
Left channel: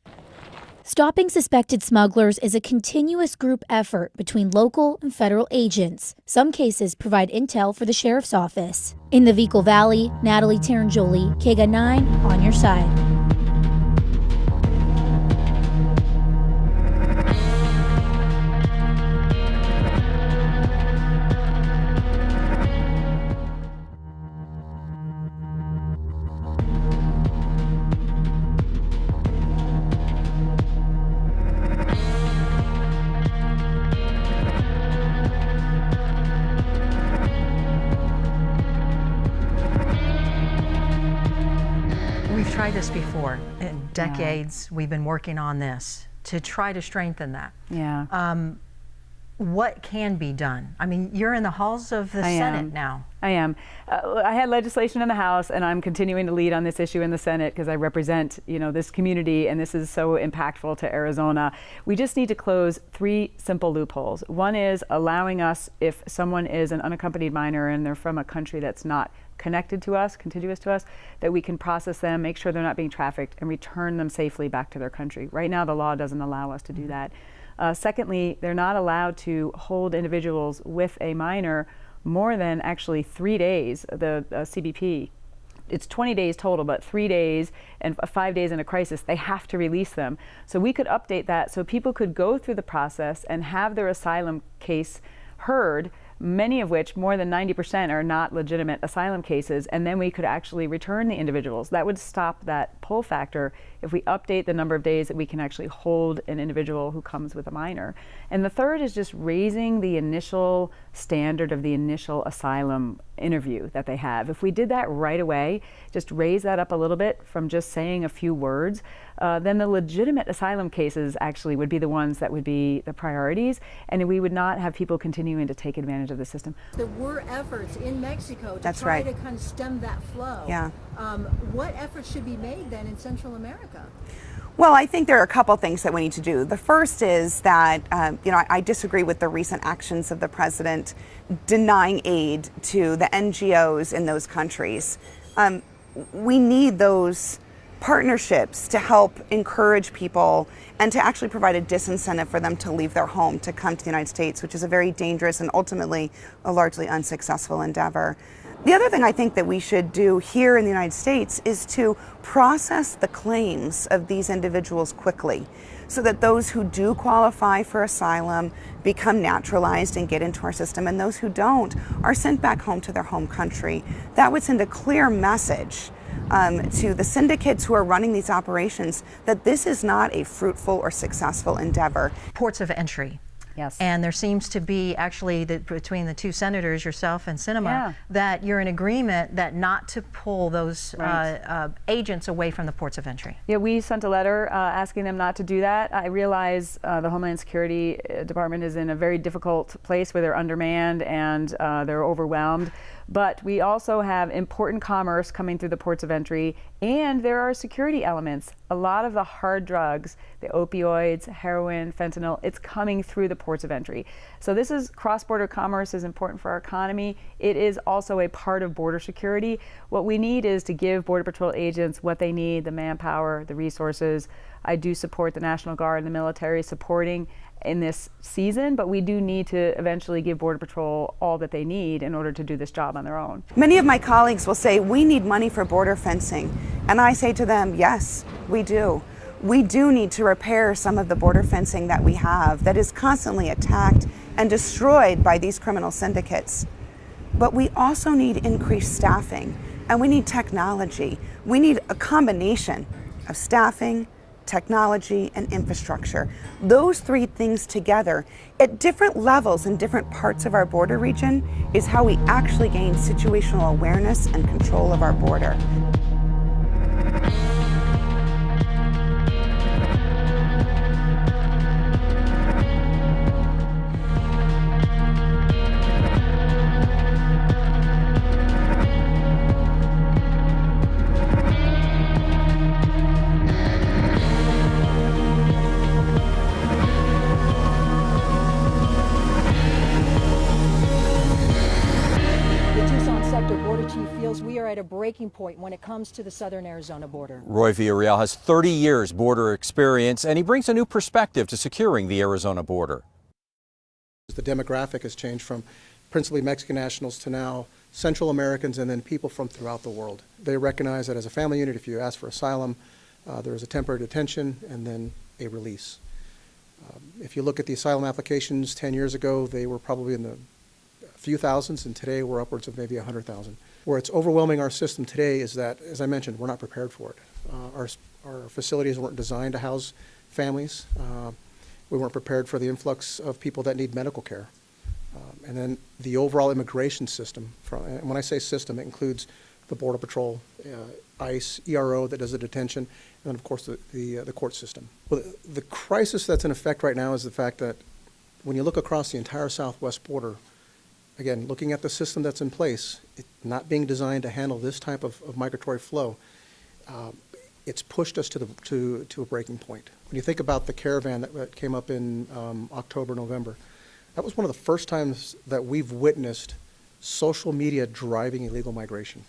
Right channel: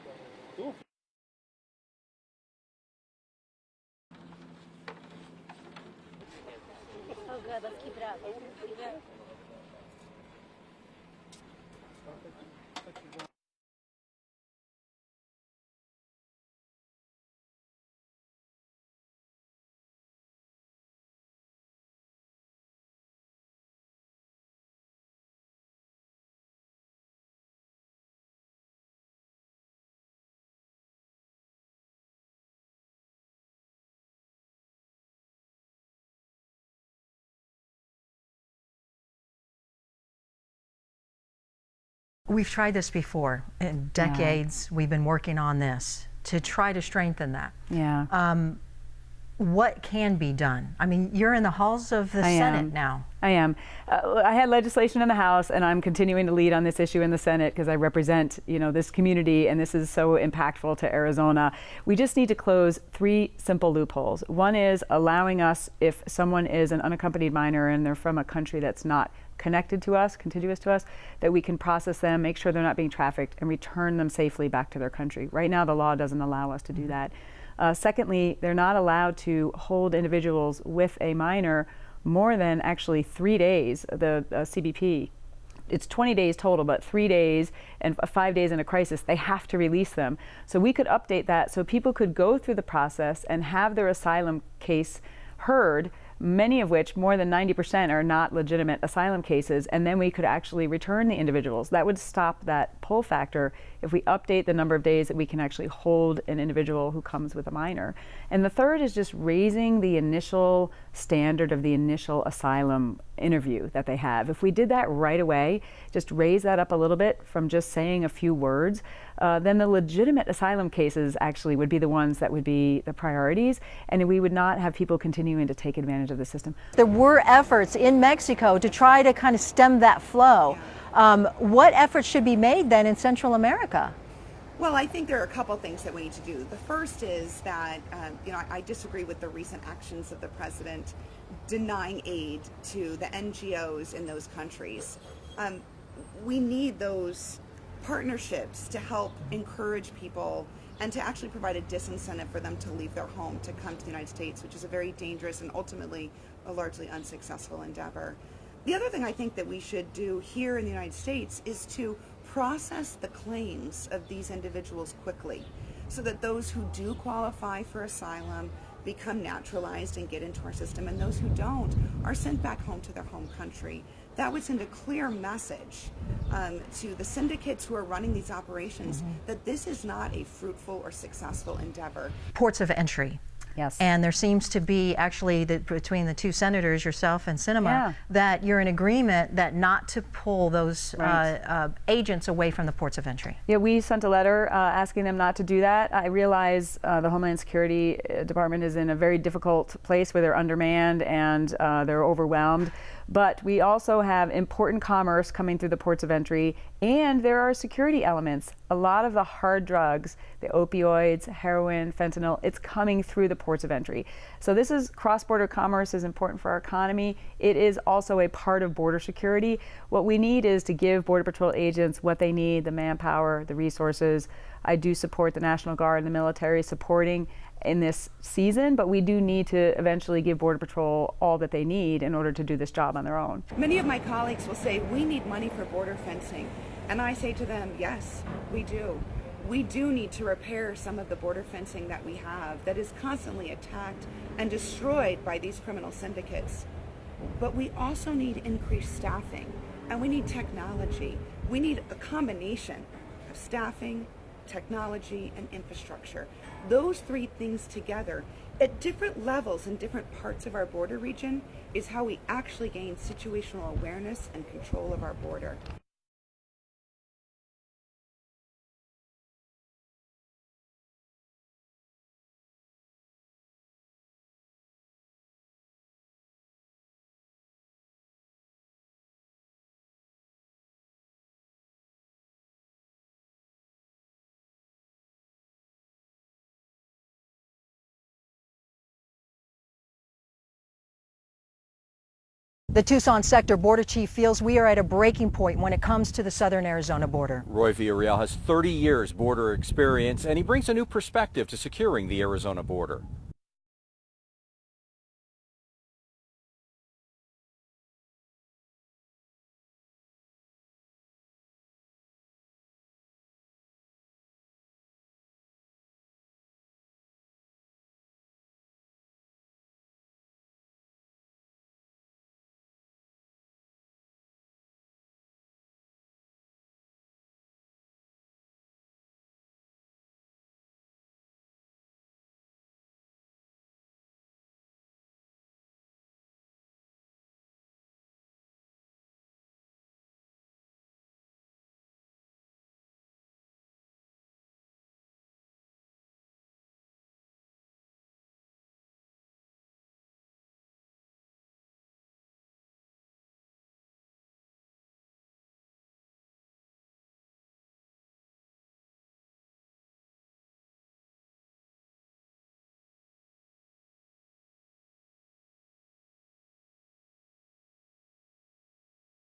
Stopping suspected smugglers is a continuous group effort between local and federal agents. Some cases provide intel for the sheriff's office. In the Vico Valley, Natalie Tarangioli, KGUN 9, on your side. We've tried this before. In decades, we've been working on this to try to strengthen that. Yeah. What can be done? I mean, you're in the halls of the Senate now. I am. I had legislation in the House, and I'm continuing to lead on this issue in the Senate because I represent, this community, and this is so impactful to Arizona. We just need to close 3 simple loopholes. One is allowing us, if someone is an unaccompanied minor and they're from a country that's not connected to us, contiguous to us, that we can process them, make sure they're not being trafficked, and return them safely back to their country. Right now, the law doesn't allow us to do that. Secondly, they're not allowed to hold individuals with a minor more than actually 3 days. The CBP, it's 20 days total, but 3 days and 5 days in a crisis, they have to release them. So we could update that so people could go through the process and have their asylum case heard, many of which, more than 90%, are not legitimate asylum cases, and then we could actually return the individuals. That would stop that pull factor if we update the number of days that we can actually hold an individual who comes with a minor. And the third is just raising the initial standard of the initial asylum interview that they have. If we did that right away, just raise that up a little bit from just saying a few words, then the legitimate asylum cases actually would be the ones that would be the priorities, and we would not have people continuing to take advantage of the system. There were efforts in Mexico to try to kind of stem that flow. What efforts should be made then in Central America? Well, I think there are a couple things that we need to do. The first is that, I disagree with the recent actions of the president denying aid to the NGOs in those countries. We need those partnerships to help encourage people and to actually provide a disincentive for them to leave their home to come to the United States, which is a very dangerous and ultimately a largely unsuccessful endeavor. The other thing I think that we should do here in the United States is to process the claims of these individuals quickly so that those who do qualify for asylum become naturalized and get into our system, and those who don't are sent back home to their home country. That would send a clear message to the syndicates who are running these operations that this is not a fruitful or successful endeavor. Ports of entry. Yes. And there seems to be actually between the 2 senators, yourself and Sinema, that you're in agreement that not to pull those agents away from the ports of entry. Yeah, we sent a letter asking them not to do that. I realize the Homeland Security Department is in a very difficult place where they're undermanned and they're overwhelmed. But we also have important commerce coming through the ports of entry And there are security elements. A lot of the hard drugs, the opioids, heroin, fentanyl, it's coming through the ports of entry. So this is cross-border commerce is important for our economy. It is also a part of border security. What we need is to give Border Patrol agents what they need, the manpower, the resources. I do support the National Guard and the military supporting in this season, but we do need to eventually give Border Patrol all that they need in order to do this job on their own. Many of my colleagues will say, we need money for border fencing. And I say to them, yes, we do. We do need to repair some of the border fencing that we have that is constantly attacked and destroyed by these criminal syndicates. But we also need increased staffing, and we need technology. We need a combination of staffing, technology, and infrastructure. Those three things together at different levels in different parts of our border region is how we actually gain situational awareness and control of our border. The Tucson sector border chief feels we are at a breaking point when it comes to the southern Arizona border. Roy Villarreal has 30 years border experience, and he brings a new perspective to securing the Arizona border. The demographic has changed from principally Mexican nationals to now Central Americans and then people from throughout the world. They recognize that as a family unit, if you ask for asylum, there is a temporary detention and then a release. If you look at the asylum applications 10 years ago, they were probably in the few thousands, and today we're upwards of maybe 100,000. Where it's overwhelming our system today is that, as I mentioned, we're not prepared for it. Our facilities weren't designed to house families. We weren't prepared for the influx of people that need medical care. And then the overall immigration system, and when I say system, it includes the Border Patrol, ICE, ERO that does the detention, and then of course the court system. Well, the crisis that's in effect right now is the fact that when you look across the entire southwest border, again, looking at the system that's in place, it not being designed to handle this type of migratory flow, it's pushed us to a breaking point. When you think about the caravan that came up in October, November, that was one of the first times that we've witnessed social media driving illegal migration.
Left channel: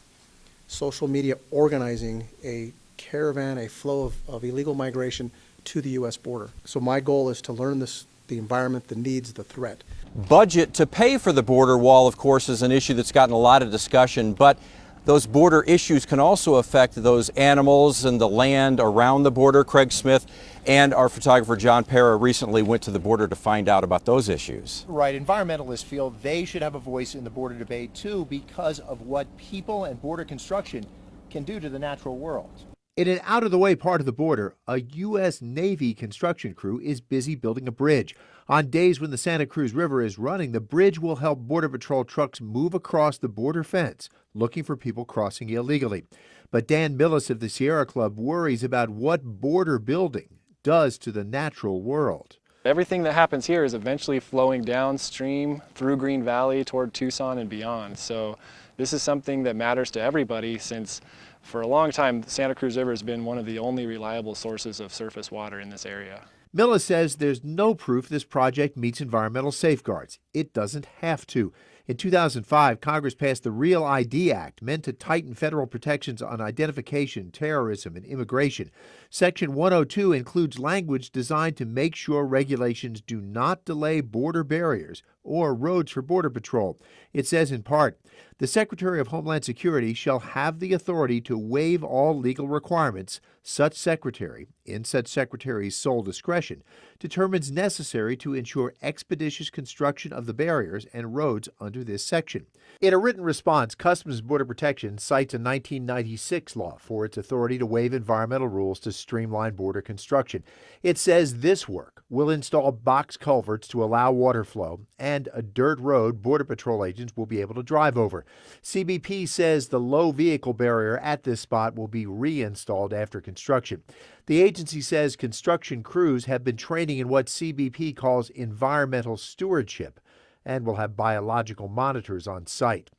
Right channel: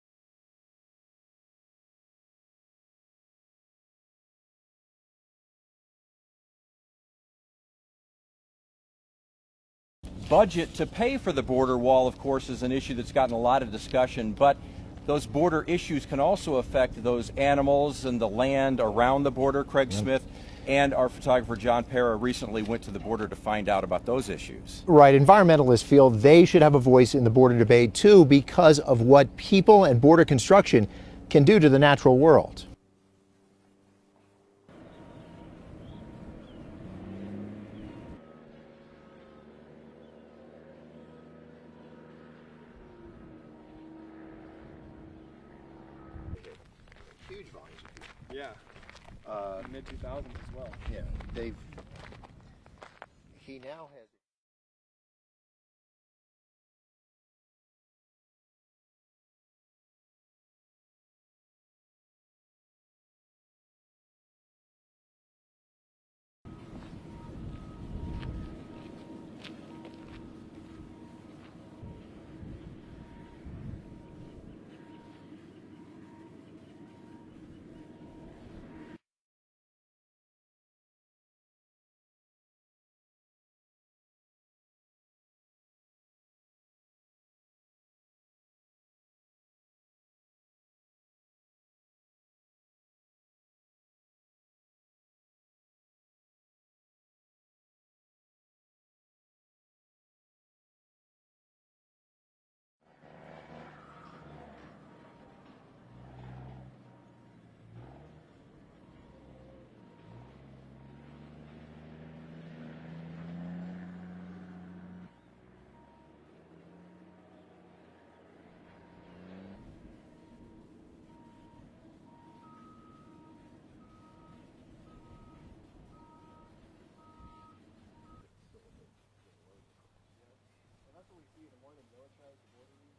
Social media organizing a caravan, a flow of illegal migration to the U.S. border. So my goal is to learn the environment, the needs, the threat. Budget to pay for the border wall, of course, is an issue that's gotten a lot of discussion, but those border issues can also affect those animals and the land around the border. Craig Smith and our photographer John Pera recently went to the border to find out about those issues. Right. Environmentalists feel they should have a voice in the border debate, too, because of what people and border construction can do to the natural world. In an out-of-the-way part of the border, a U.S. Navy construction crew is busy building a bridge. On days when the Santa Cruz River is running, the bridge will help Border Patrol trucks move across the border fence, looking for people crossing illegally. But Dan Millis of the Sierra Club worries about what border building does to the natural world. Everything that happens here is eventually flowing downstream through Green Valley toward Tucson and beyond. So this is something that matters to everybody, since for a long time, the Santa Cruz River has been one of the only reliable sources of surface water in this area. Millis says there's no proof this project meets environmental safeguards. It doesn't have to. In 2005, Congress passed the REAL ID Act, meant to tighten federal protections on identification, terrorism, and immigration. Section 102 includes language designed to make sure regulations do not delay border barriers or roads for Border Patrol. It says in part, the Secretary of Homeland Security shall have the authority to waive all legal requirements such secretary, in such secretary's sole discretion, determines necessary to ensure expeditious construction of the barriers and roads under this section. In a written response, Customs and Border Protection cites a 1996 law for its authority to waive environmental rules to streamline border construction. It says this work will install box culverts to allow water flow and a dirt road Border Patrol agents will be able to drive over. CBP says the low vehicle barrier at this spot will be reinstalled after construction. The agency says construction crews have been training in what CBP calls environmental stewardship and will have biological monitors on site.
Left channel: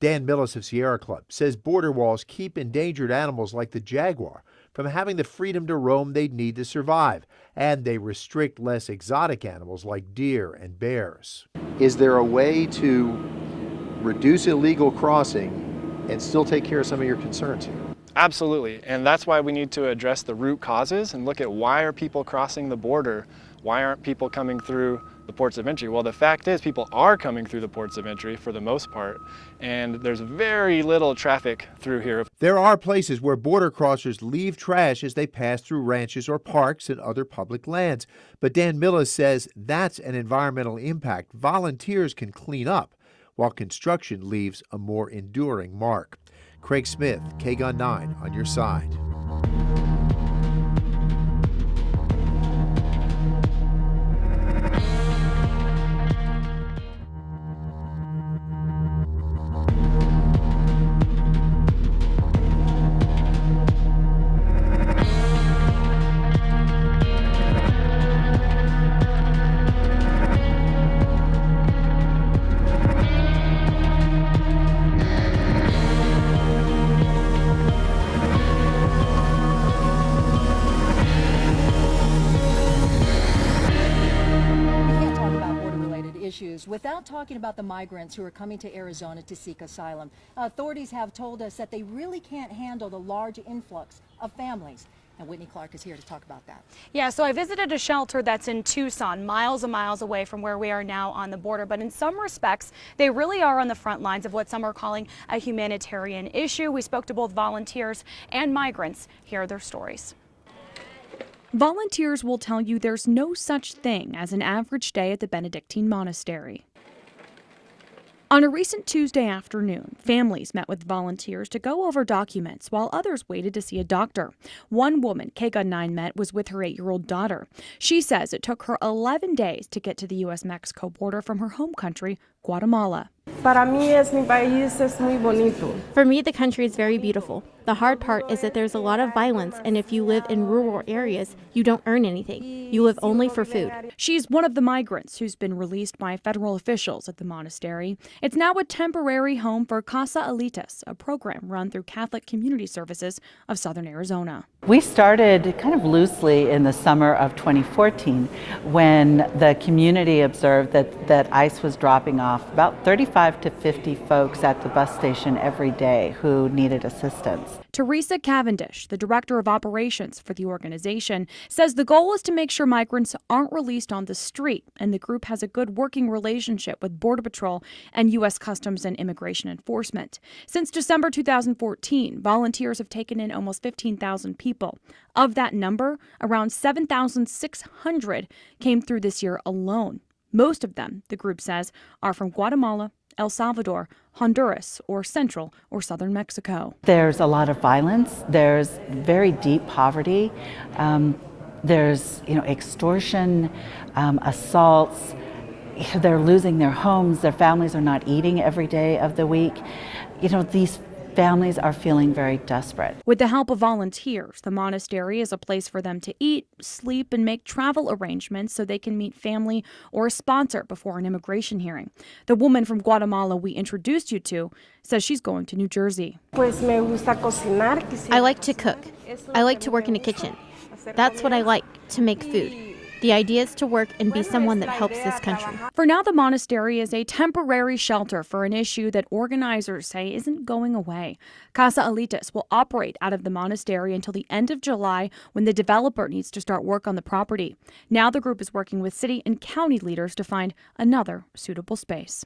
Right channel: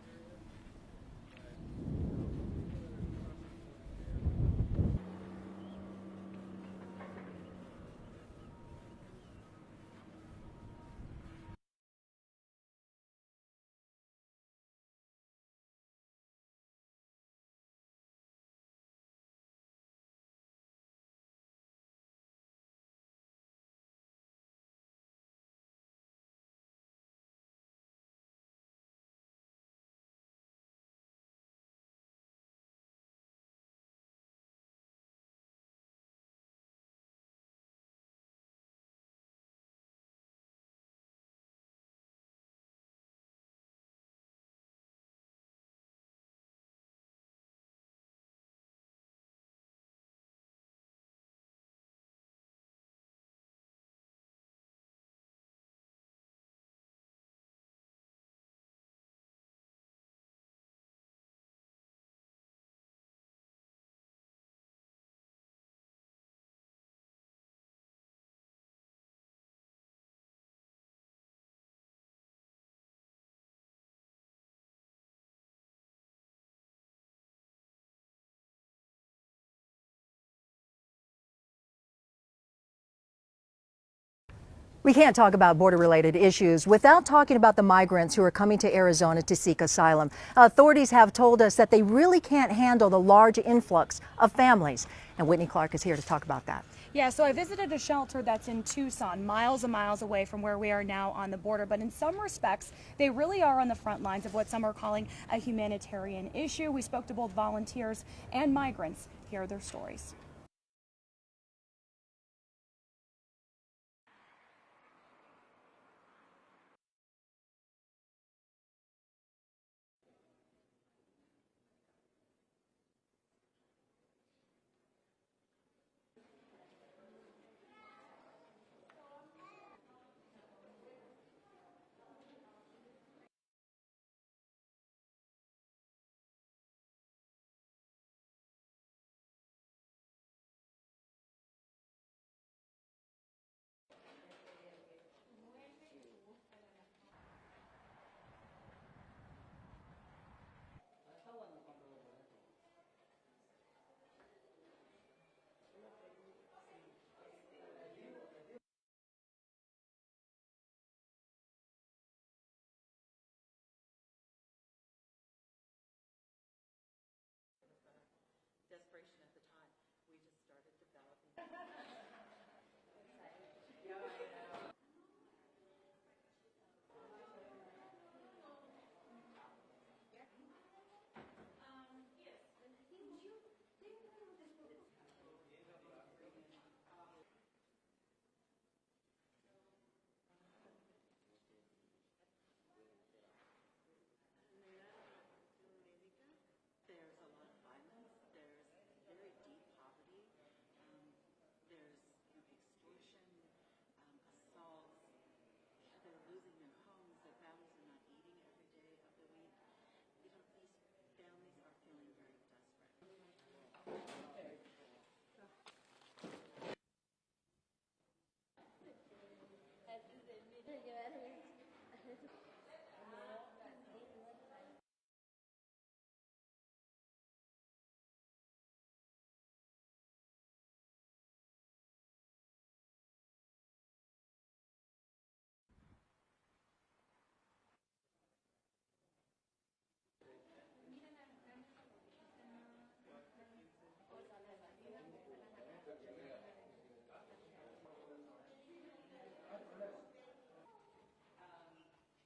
Dan Millis of Sierra Club says border walls keep endangered animals like the jaguar from having the freedom to roam they'd need to survive, and they restrict less exotic animals like deer and bears. Is there a way to reduce illegal crossing and still take care of some of your concerns here? Absolutely, and that's why we need to address the root causes and look at why are people crossing the border? Why aren't people coming through the ports of entry? Well, the fact is people are coming through the ports of entry for the most part, and there's very little traffic through here. There are places where border crossers leave trash as they pass through ranches or parks and other public lands. But Dan Millis says that's an environmental impact volunteers can clean up, while construction leaves a more enduring mark. Craig Smith, KGUN 9 on your side. We can't talk about border-related issues without talking about the migrants who are coming to Arizona to seek asylum. Authorities have told us that they really can't handle the large influx of families. And Whitney Clark is here to talk about that. Yeah, so I visited a shelter that's in Tucson, miles and miles away from where we are now on the border. But in some respects, they really are on the front lines of what some are calling a humanitarian issue. We spoke to both volunteers and migrants. Here are their stories. Volunteers will tell you there's no such thing as an average day at the Benedictine monastery. On a recent Tuesday afternoon, families met with volunteers to go over documents while others waited to see a doctor. One woman KGUN 9 met was with her 8-year-old daughter. She says it took her 11 days to get to the U.S.-Mexico border from her home country, Guatemala. For me, the country is very beautiful. The hard part is that there's a lot of violence, and if you live in rural areas, you don't earn anything. You live only for food. She's one of the migrants who's been released by federal officials at the monastery. It's now a temporary home for Casa Alitas, a program run through Catholic Community Services of Southern Arizona. We started kind of loosely in the summer of 2014 when the community observed that ICE was dropping off about 35 to 50 folks at the bus station every day who needed assistance. Teresa Cavendish, the director of operations for the organization, says the goal is to make sure migrants aren't released on the street, and the group has a good working relationship with Border Patrol and U.S. Customs and Immigration Enforcement. Since December 2014, volunteers have taken in almost 15,000 people. Of that number, around 7,600 came through this year alone. Most of them, the group says, are from Guatemala, El Salvador, Honduras, or central or southern Mexico. There's a lot of violence. There's very deep poverty. There's extortion, assaults. They're losing their homes. Their families are not eating every day of the week. These families are feeling very desperate. With the help of volunteers, the monastery is a place for them to eat, sleep, and make travel arrangements so they can meet family or a sponsor before an immigration hearing. The woman from Guatemala we introduced you to says she's going to New Jersey. I like to cook. I like to work in a kitchen. That's what I like, to make food. The idea is to work and be someone that helps this country. For now, the monastery is a temporary shelter for an issue that organizers say isn't going away. Casa Alitas will operate out of the monastery until the end of July, when the developer needs to start work on the property. Now the group is working with city and county leaders to find another suitable space.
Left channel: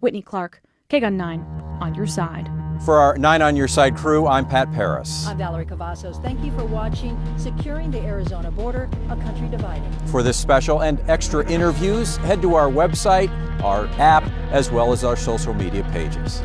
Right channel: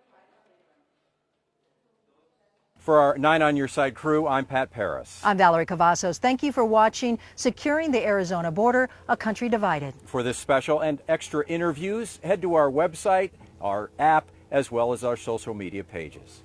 Whitney Clark, KGUN 9, on your side. For our 9 on Your Side crew, I'm Pat Paris. I'm Valerie Cavazos. Thank you for watching Securing the Arizona Border, a Country Divided. For this special and extra interviews, head to our website, our app, as well as our social media pages.